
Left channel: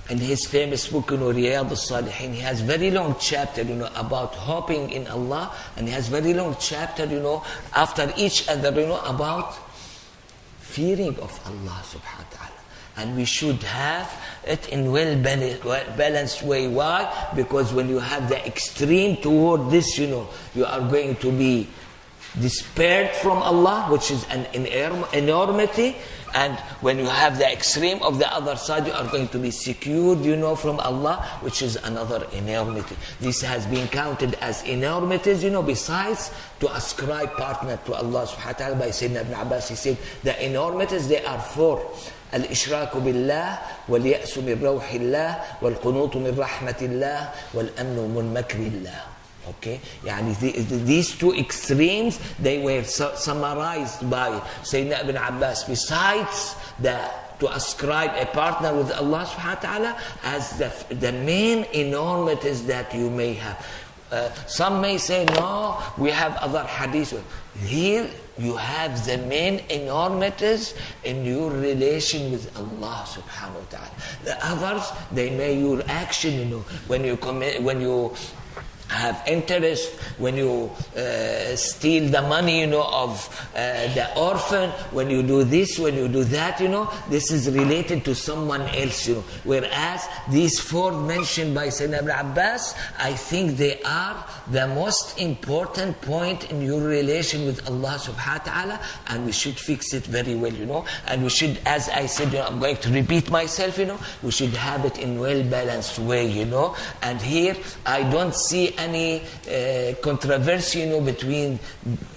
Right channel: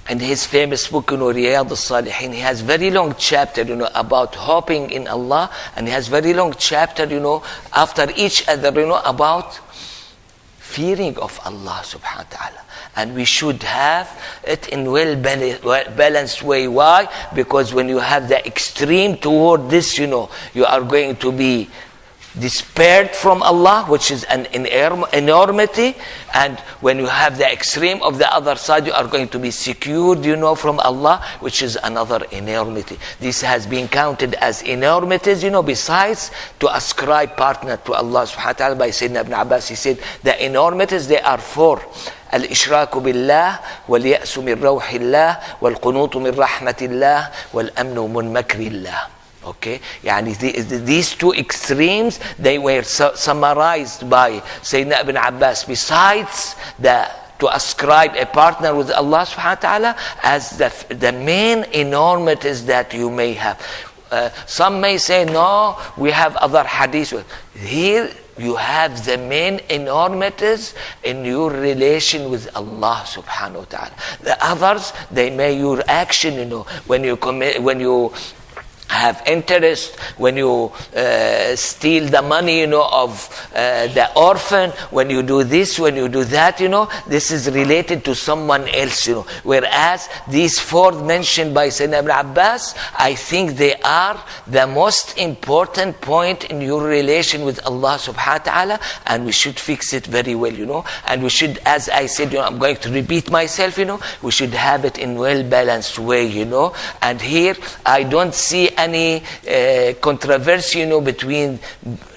in his famous book, Riyadh al-Salihin, he has very long chapter, about hoping in Allah, and he has very long chapter, after each other, about fearing of Allah subhanahu wa ta'ala. And we should have it in well-balanced way. Why? Because when you have the extreme toward this, you are going to be despaired from Allah, which is an enormity. And when you have the extreme of the other side, you are going to be secured, from Allah, which is another enormity. This has been counted as enormities, besides to ascribe partner to Allah subhanahu wa ta'ala. By Sayyidina Ibn Abbas, he said, the enormities, they are four. الإشراك بالله واليأس من روح الله والقنوط من رحمة الله والأمن من مكر الله. Okay, these two extremes, they were summarized by Sayyidina Ibn Abbas, besides to ascribe a partner with Allah subhanahu wa ta'ala as the main enormities that you may have. Some may say, no, we have other hadiths. Here you have the main enormities in your relation with Allah subhanahu wa ta'ala. The others, they may your action, when you have interest, when you steal the money, of the orphan, when you do this, when you do that, this is related to someone else, Whereas these four mentioned by Sayyidina Ibn Abbas, I think they are the most important point in your relation with Allah subhanahu wa ta'ala, and we should fix it very well, And we should, as I said, I'm going to repeat myself, we should have it in well-balanced way, And here, I don't see any controversy, between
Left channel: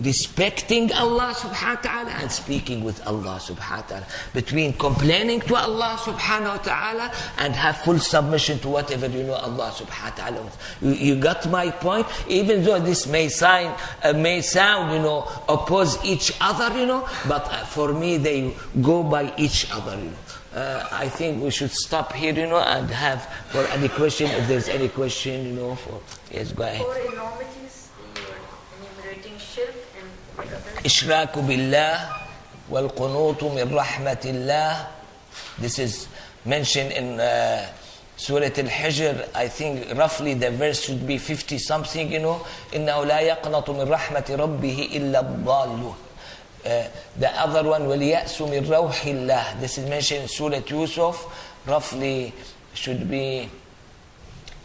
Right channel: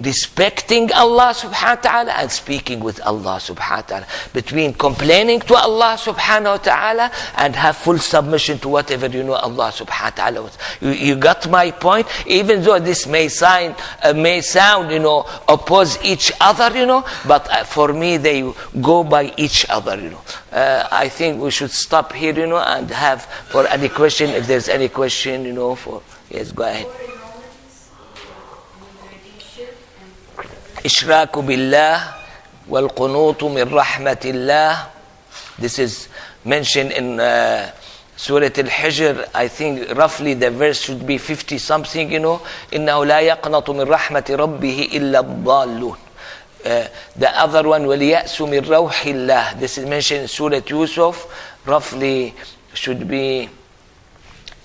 respecting Allah subhanahu wa ta'ala and speaking with Allah subhanahu wa ta'ala, between complaining to Allah subhanahu wa ta'ala and have full submission to whatever Allah subhanahu wa ta'ala wants. You got my point? Even though this may sound oppose each other, but for me they go by each other, I think we should stop here, and have for any question, if there's any question, for yes, go ahead. إشراك بالله والقنوط من رحمة الله. This is mentioned in Surah Al-Hijr. I think roughly the verse should be 50 something, إنه لا يقنط من رحمة ربه إلا الضالون. The other one, وَلْيَأْسُ مِنْ رَوْحِ اللَّهِ. This is mentioned in Surah Yusuf. Roughly should be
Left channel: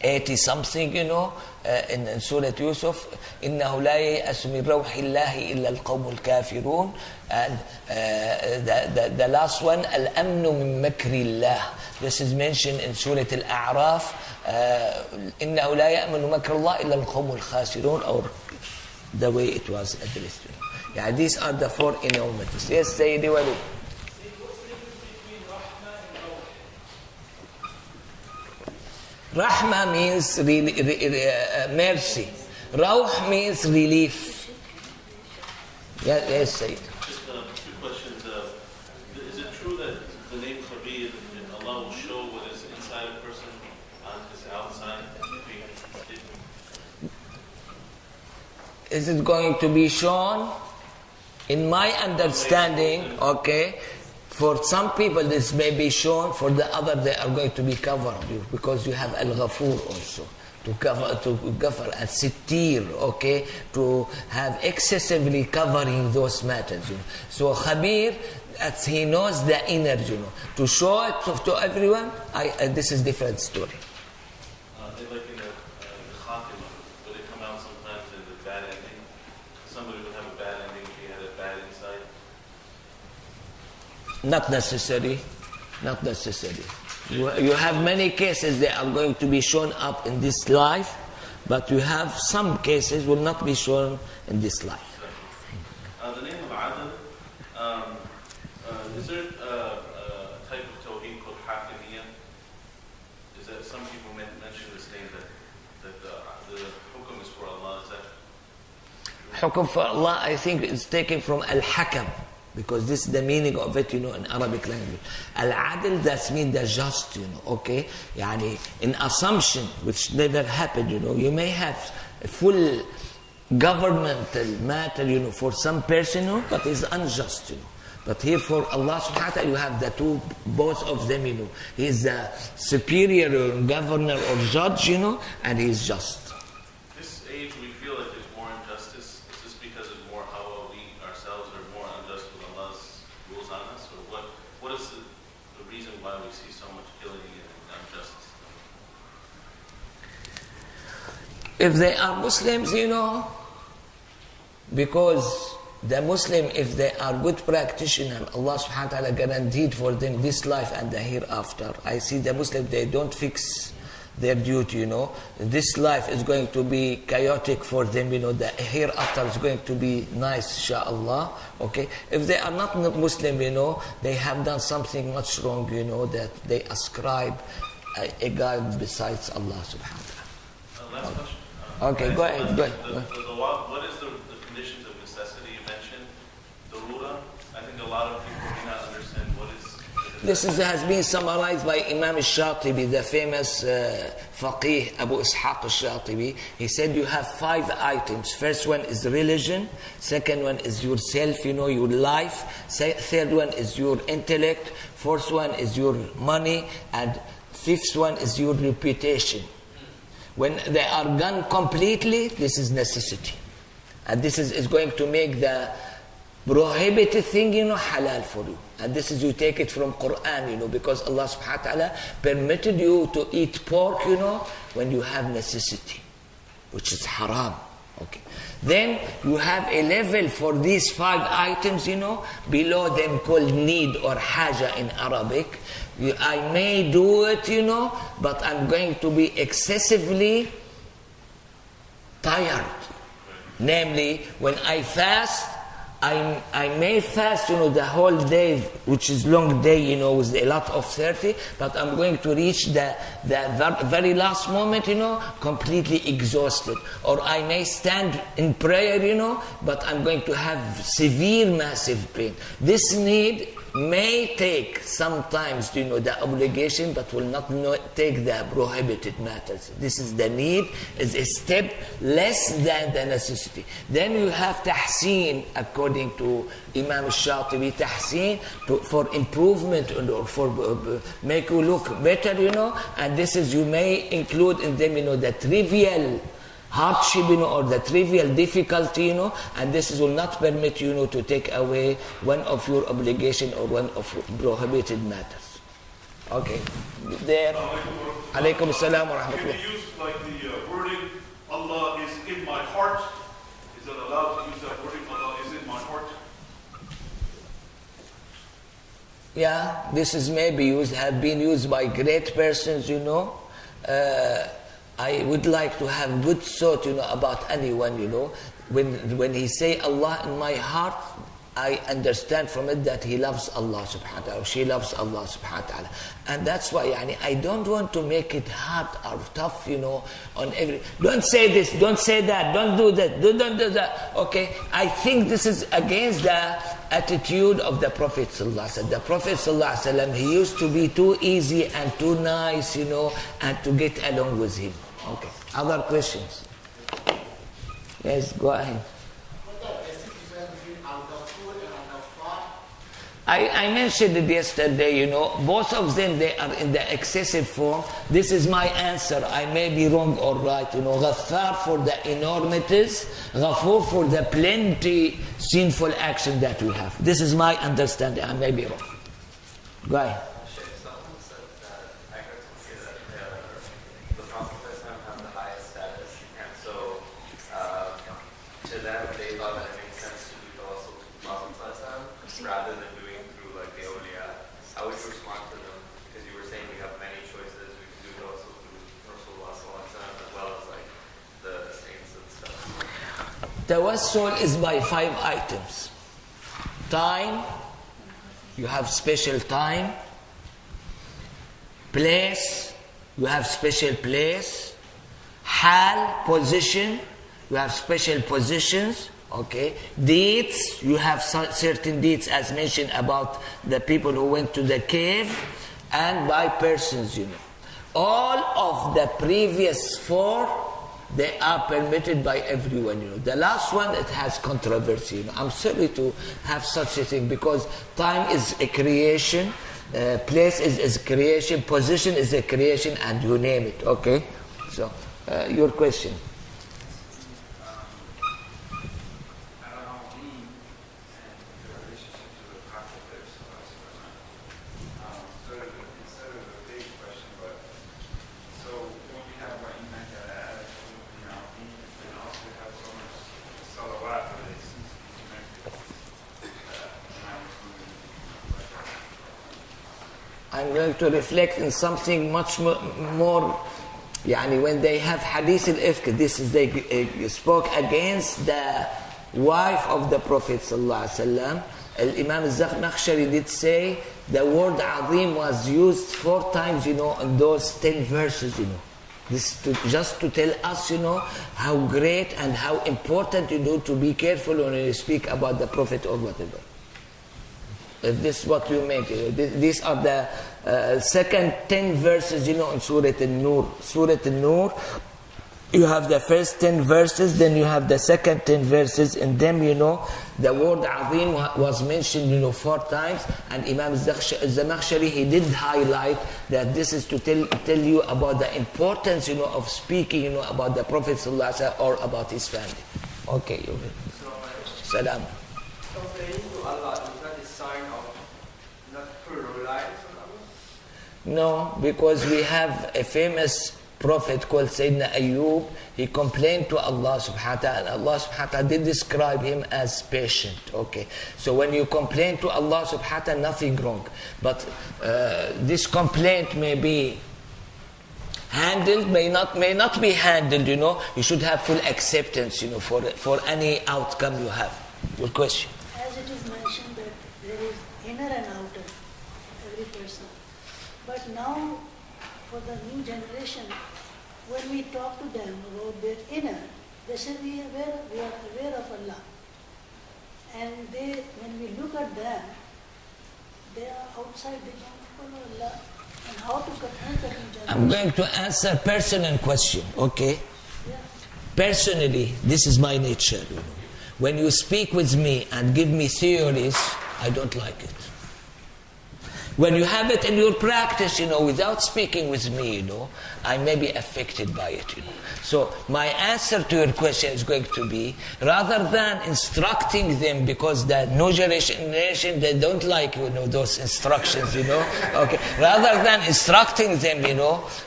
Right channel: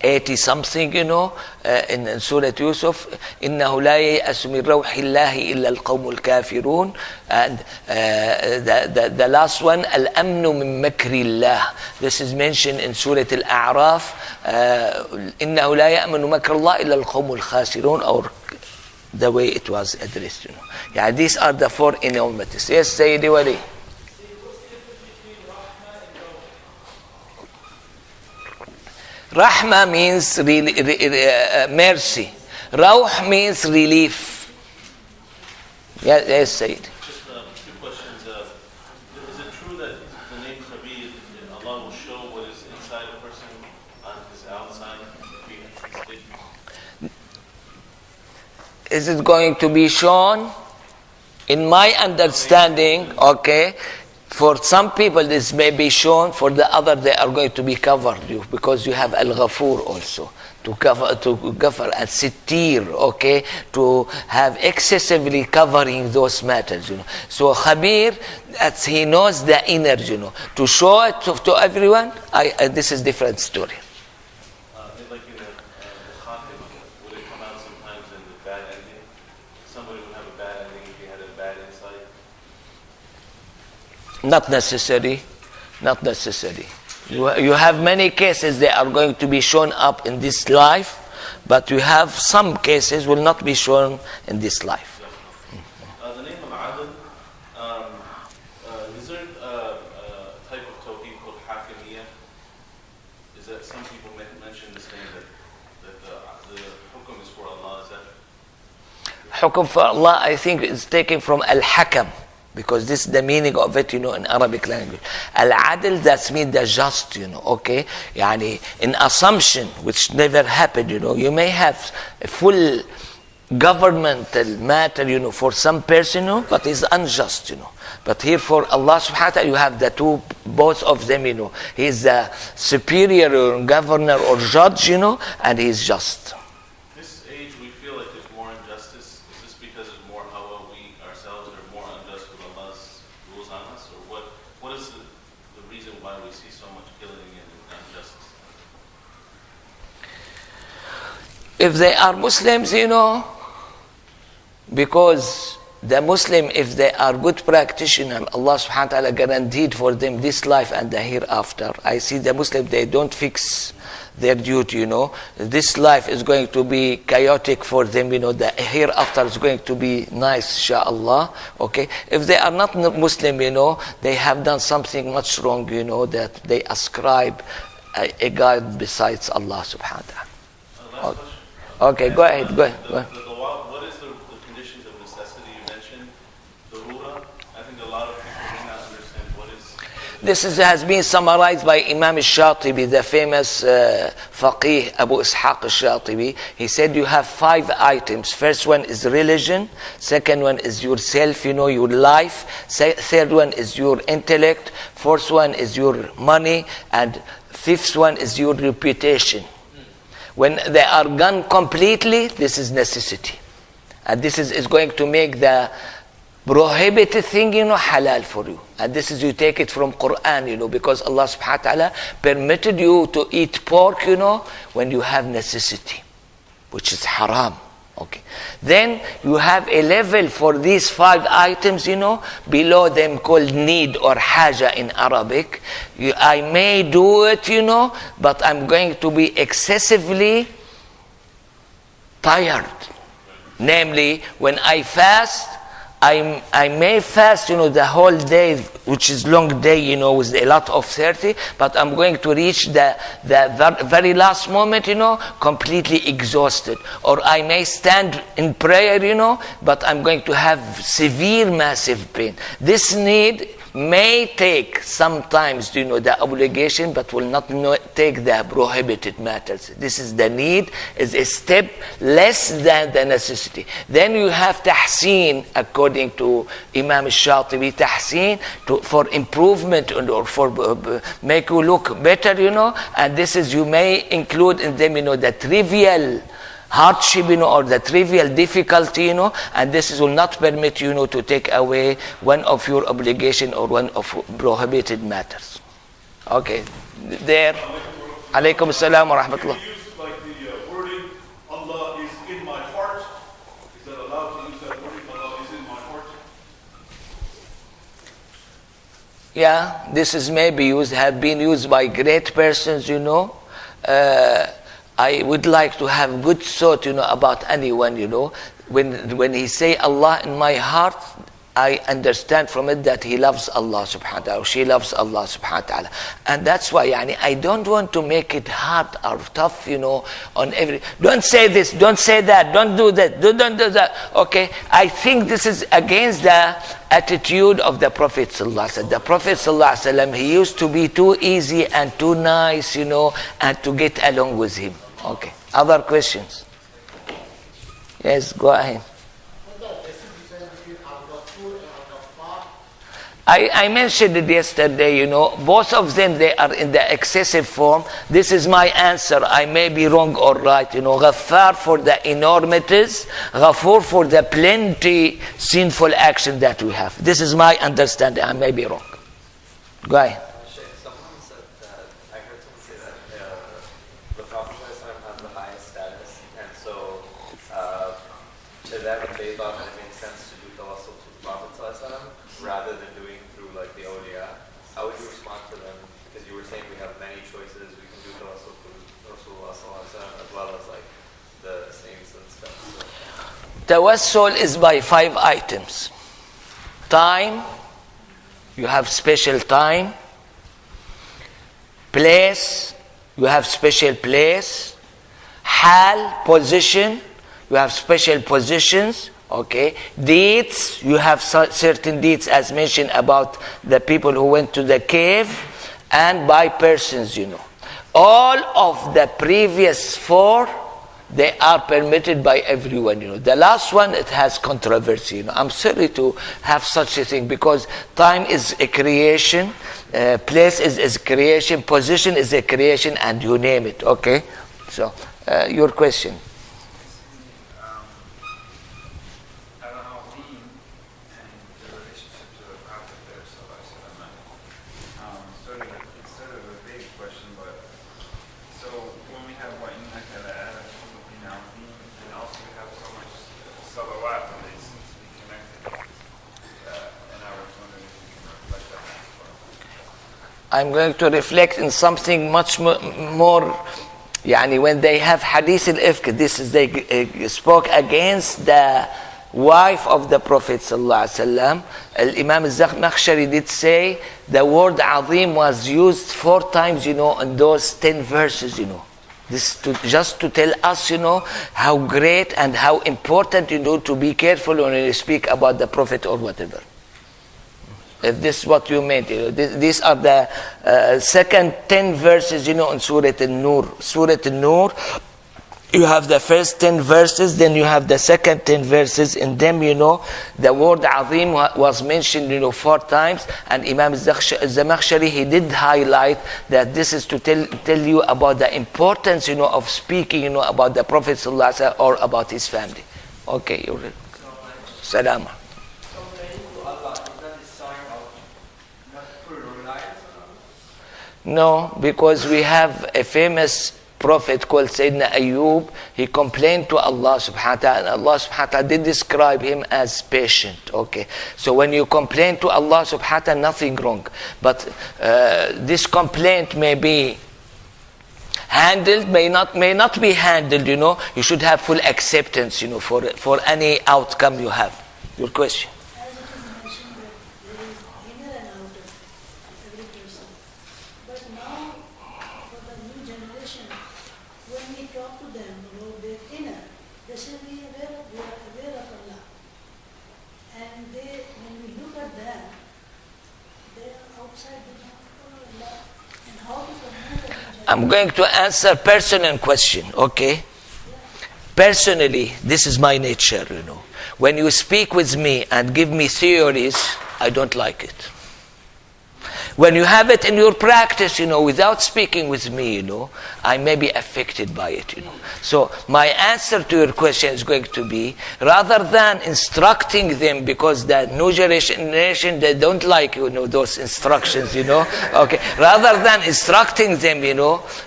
80 something, in Surah Yusuf. إِنَّهُ لَا يَأْسُ مِنْ رَوْحِ اللَّهِ إِلَّا الْقَوْمُ الْكَافِرُونَ. And the last one, الْأَمْنُ مِنْ مَكْرِ اللَّهِ. This is mentioned in Surah Al-A'raf. إِنَّهُ لَا يَأْمَنُ مَكْرَ اللَّهِ إِلَّا الْقَوْمُ الْخَاسِرُونَ, or the way it was addressed. These are the four enormities. Yes, Sayyidi Wali. Rahma means mercy. Rauh means relief. Yes, Sayyid. Just two questions. Is it true that the name Khabir, Allah will show what is inside a person on his outside? Is it going to be shown? In my understanding, okay, for some people this may be shown, for the other they are going to be covered, because you have Al-Ghafur also, to cover and Sittir, okay, to have excessively covering those matters, So Khabir, as he knows the inner, to show it to everyone, this is different story. Like in the Khatima, would it come out sometimes in the bad ending? Somebody would have a bad ending if he had a bad insight? Not necessary. You have many cases they are going to be shown up in this life, but you have some cases will not be shown in this life. The name of Adl, is there a type of tawheed called Hakimiyya? Is that some people mention this name that the hukum is for Allah? Is that Hukum for Allah, I think, is taken from Al-Hakam. Because this is the meaning of it, in Arabic language. Al-adl, that means the just, okay? Yani, in assumption, which never happened, you may have a full governmental matter, for some person, but it's unjust, But here for Allah subhanahu wa ta'ala, you have the two, both of them, He is the superior or governor or judge, and He is just. This age, we feel like there's more injustice. Is this because there's more how we ourselves are more unjust with Allah's rules on us? Or what is the reason why we see so much killing and injustice? If they are Muslims, because the Muslim, if they are good practitioners, Allah subhanahu wa ta'ala guaranteed for them this life and the hereafter. I see the Muslim, they don't fix their duty, This life is going to be chaotic for them, the hereafter is going to be nice, inshallah. Okay? If they are not Muslim, they have done something much wrong, that they ascribe a God besides Allah subhanahu wa ta'ala. Last question. Okay, go ahead. What is the conditions of necessity you mentioned? Darura. I think a lot of people may not understand what is. This has been summarized by Imam al-Shatibi, the famous faqih Abu Ishaq al-Shatibi. He said you have 5 items. First one is religion. Second one is yourself, your life. Third one is your intellect. Fourth one is your money. And fifth one is your reputation. When they are gone completely, this is necessity. And this is going to make the prohibited thing, halal for you. And this is, you take it from Quran, because Allah subhanahu wa ta'ala permitted you to eat pork, when you have necessity, which is haram. Okay. Then you have a level for these 5 items, below them called need or haja in Arabic. I may do it, but I'm going to be excessively tired. Namely, when I fast, I may fast, the whole day, which is long day, with a lot of 30, but I'm going to reach the very last moment, completely exhausted. Or I may stand in prayer, but I'm going to have severe, massive pain. This need may take sometimes, the obligation, but will not take the prohibited matters. This is the need, is a step less than the necessity. Then you have tahseen, according to Imam al-Shatibi, tahseen for improvement or for make you look better, and this is, you may include in them, the trivial hardship, or the trivial difficulty, and this will not permit you to take away one of your obligation or one of prohibited matters. Okay, there. Alaykum assalam wa rahmatullah. Can you use like the wording, Allah is in my heart? Is that allowed to use that wording, Allah is in my heart? Yeah, this is maybe have been used by great persons, I would like to have good thought, about anyone, When he say Allah in my heart, I understand from it that he loves Allah subhanahu wa ta'ala, or she loves Allah subhanahu wa ta'ala. And that's why, I don't want to make it hard or tough, on every, don't say this, don't say that, don't do that, don't do that. Okay, I think this is against the attitude of the Prophet sallallahu alaihi wasallam. The Prophet sallallahu alaihi wasallam, he used to be too easy and too nice, and to get along with him. Okay. Other questions? Yes, go ahead. I mentioned it yesterday, both of them, they are in the excessive form. This is my answer. I may be wrong or right. Ghaffar for the enormities, Ghafur for the plenty sinful action that we have. This is my understanding. I may be wrong. Go ahead. Someone said that, I heard someone say that the Prophet has the highest status, and so to them they thought it made sense to do tawassul to the Prophet rather than doing through like the awliya. How would you respond to them? Because you were saying we have many choices, we can do tawassul through Rasulullah as well as like the saints and stuff. Tawassul is by 5 items. Time, you have special time. Place, you have special place. Hal, position, you have special positions. Okay, deeds, you have certain deeds as mentioned about the people who went to the cave, and by persons, All of the previous 4, they are permitted by everyone, The last one, it has controversy, I'm sorry to have such a thing, because time is a creation, place is creation, position is a creation, and you name it, okay? So, your question. I'm going to reflect in something much more, when they have hadith al-ifk, they spoke against the wife of the Prophet sallallahu Imam al-Zakhshari did say the word azim was used 4 times, in those 10 verses, This just to tell us, how great and how important, to be careful when you speak about the Prophet or whatever. If this is what you meant, these are the second 10 verses, in Surah An-Nur. Surah An-Nur, you have the first 10 verses, then you have the second 10 verses. In them, the word azim was mentioned, 4 times. And Imam Zamakhshari, he did highlight that this is to tell you about the importance, of speaking, about the Prophet ﷺ or about his family. Okay, you're Salama. No, because we have a famous prophet called Sayyidina Ayyub. He complained to Allah subhanahu wa ta'ala, and Allah subhanahu wa ta'ala did describe him as patient. Okay, so when you complain to Allah subhanahu wa ta'ala, nothing wrong. But this complaint may be handled, may not be handled, You should have full acceptance, for any outcome you have. Your question. As it is mentioned that there is inner and outer every person. But now, for the new generation, when we talk to them about their inner, they say we are aware of Allah. And when we look at them, they are outside, they don't follow Allah. And how to communicate with each other. I'm going to answer personal question, okay? Yeah. Personally, this is my nature, When you speak with me and give me theories, I don't like it. When you have it in your practice, without speaking with me, I may be affected by it, So my answer to your question is going to be, rather than instructing them, because the new generation, they don't like, those instructions, Okay. Rather than instructing them,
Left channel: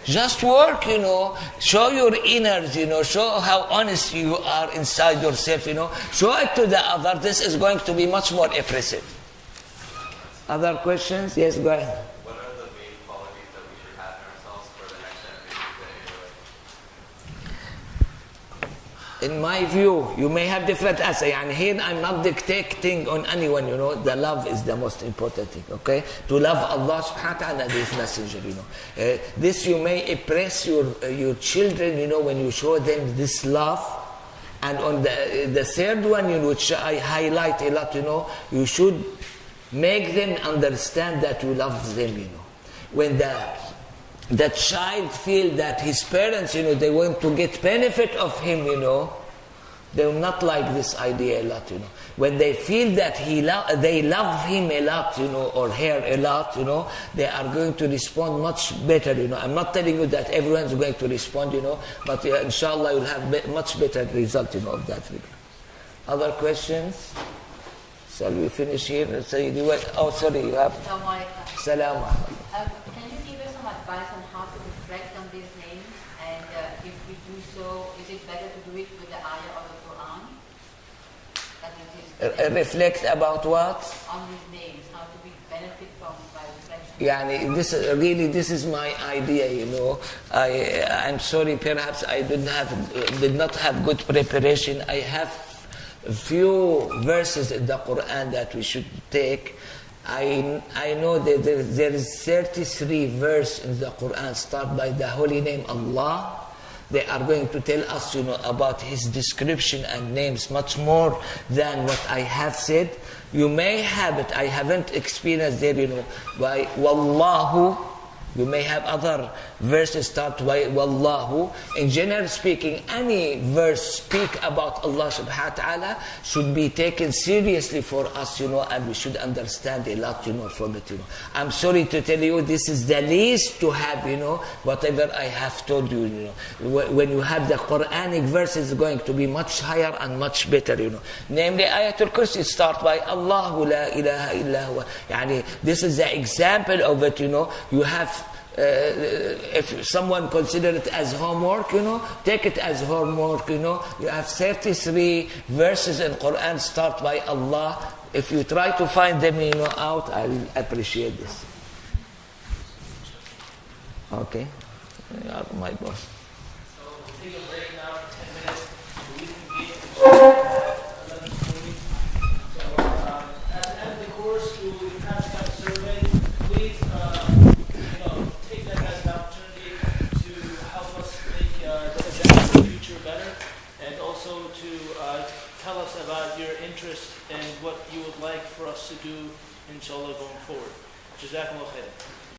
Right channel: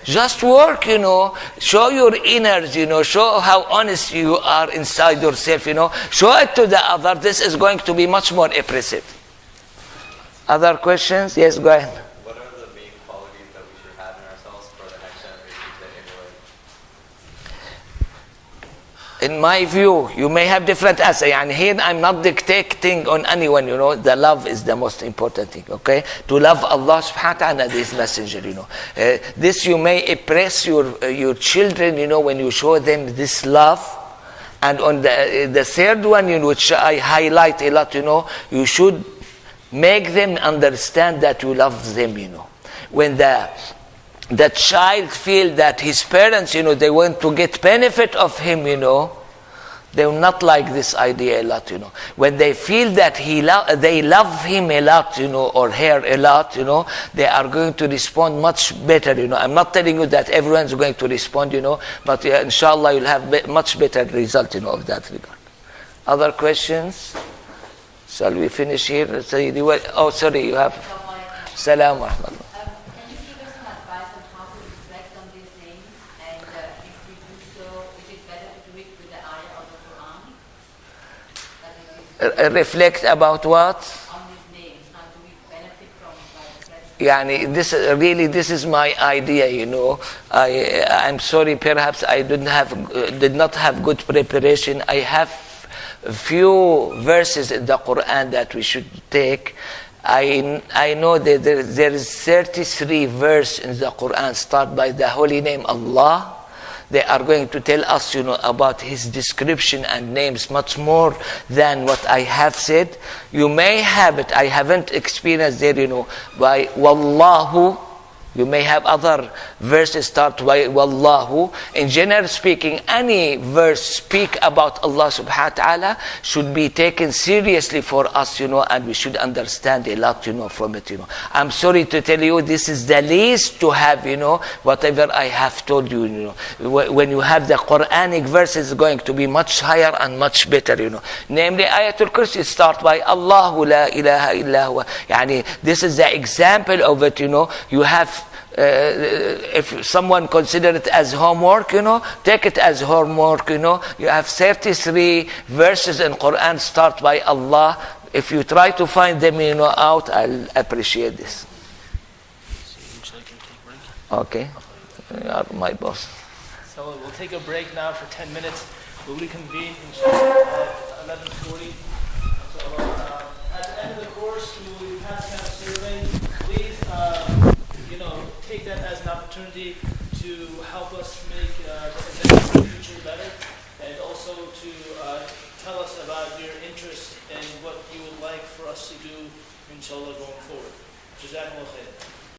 just work, show your inners, show how honest you are inside yourself, Show it to the other. This is going to be much more impressive. Other questions? Yes, go ahead. What are the main qualities that we should have in ourselves for the next generation to emulate? In my view, you may have different answers. And here I'm not dictating on anyone, The love is the most important thing, okay? To love Allah subhanahu wa ta'ala and His Messenger, This you may impress your children, when you show them this love. And on the third one, which I highlight a lot, you should make them understand that you love them, When the child feels that his parents, they want to get benefit of him, they will not like this idea a lot, When they feel that they love him a lot, or her a lot, they are going to respond much better, I'm not telling you that everyone's going to respond, but inshallah you'll have much better result, of that regard. Other questions? Shall we finish here? Oh, sorry, you have. Salam wa rahmatullah. Can you give us some advice on how to reflect on these names? And if we do so, is it better to do it with the ayah of the Quran? Reflect about what? On these names. How do we benefit from by reflection? This is my idea, I'm sorry, perhaps I did not have good preparation. I have a few verses in the Quran that we should take. I know that there is 33 verses in the Quran start by the holy name Allah. they are going to tell us, about his description and names much more than what I have said. You may have it, I haven't experienced there, by Wallahu. You may have other verses start by Wallahu. In general speaking, any verse speak about Allah subhanahu wa ta'ala should be taken seriously for us, and we should understand a lot, from it, I'm sorry to tell you, this is the least to have, whatever I have told you, When you have the Quranic verses, going to be much higher and much better, Namely, Ayatul Kursi start by Allahu la ilaha illa huwa. Yani, this is the example of it, You have if someone consider it as homework, take it as homework, You have 33 verses in Quran start by Allah. If you try to find them, out, I'll appreciate this. Okay, you are my boss. So we'll take a break now for 10 minutes. We'll reconvene at 11:40. So at the end of the course, we will be passing out a survey. Please, take that as an opportunity to help us make the event in the future better, and also to tell us about your interest and what you would like for us to do, inshallah, going forward. Jazakumullah khair.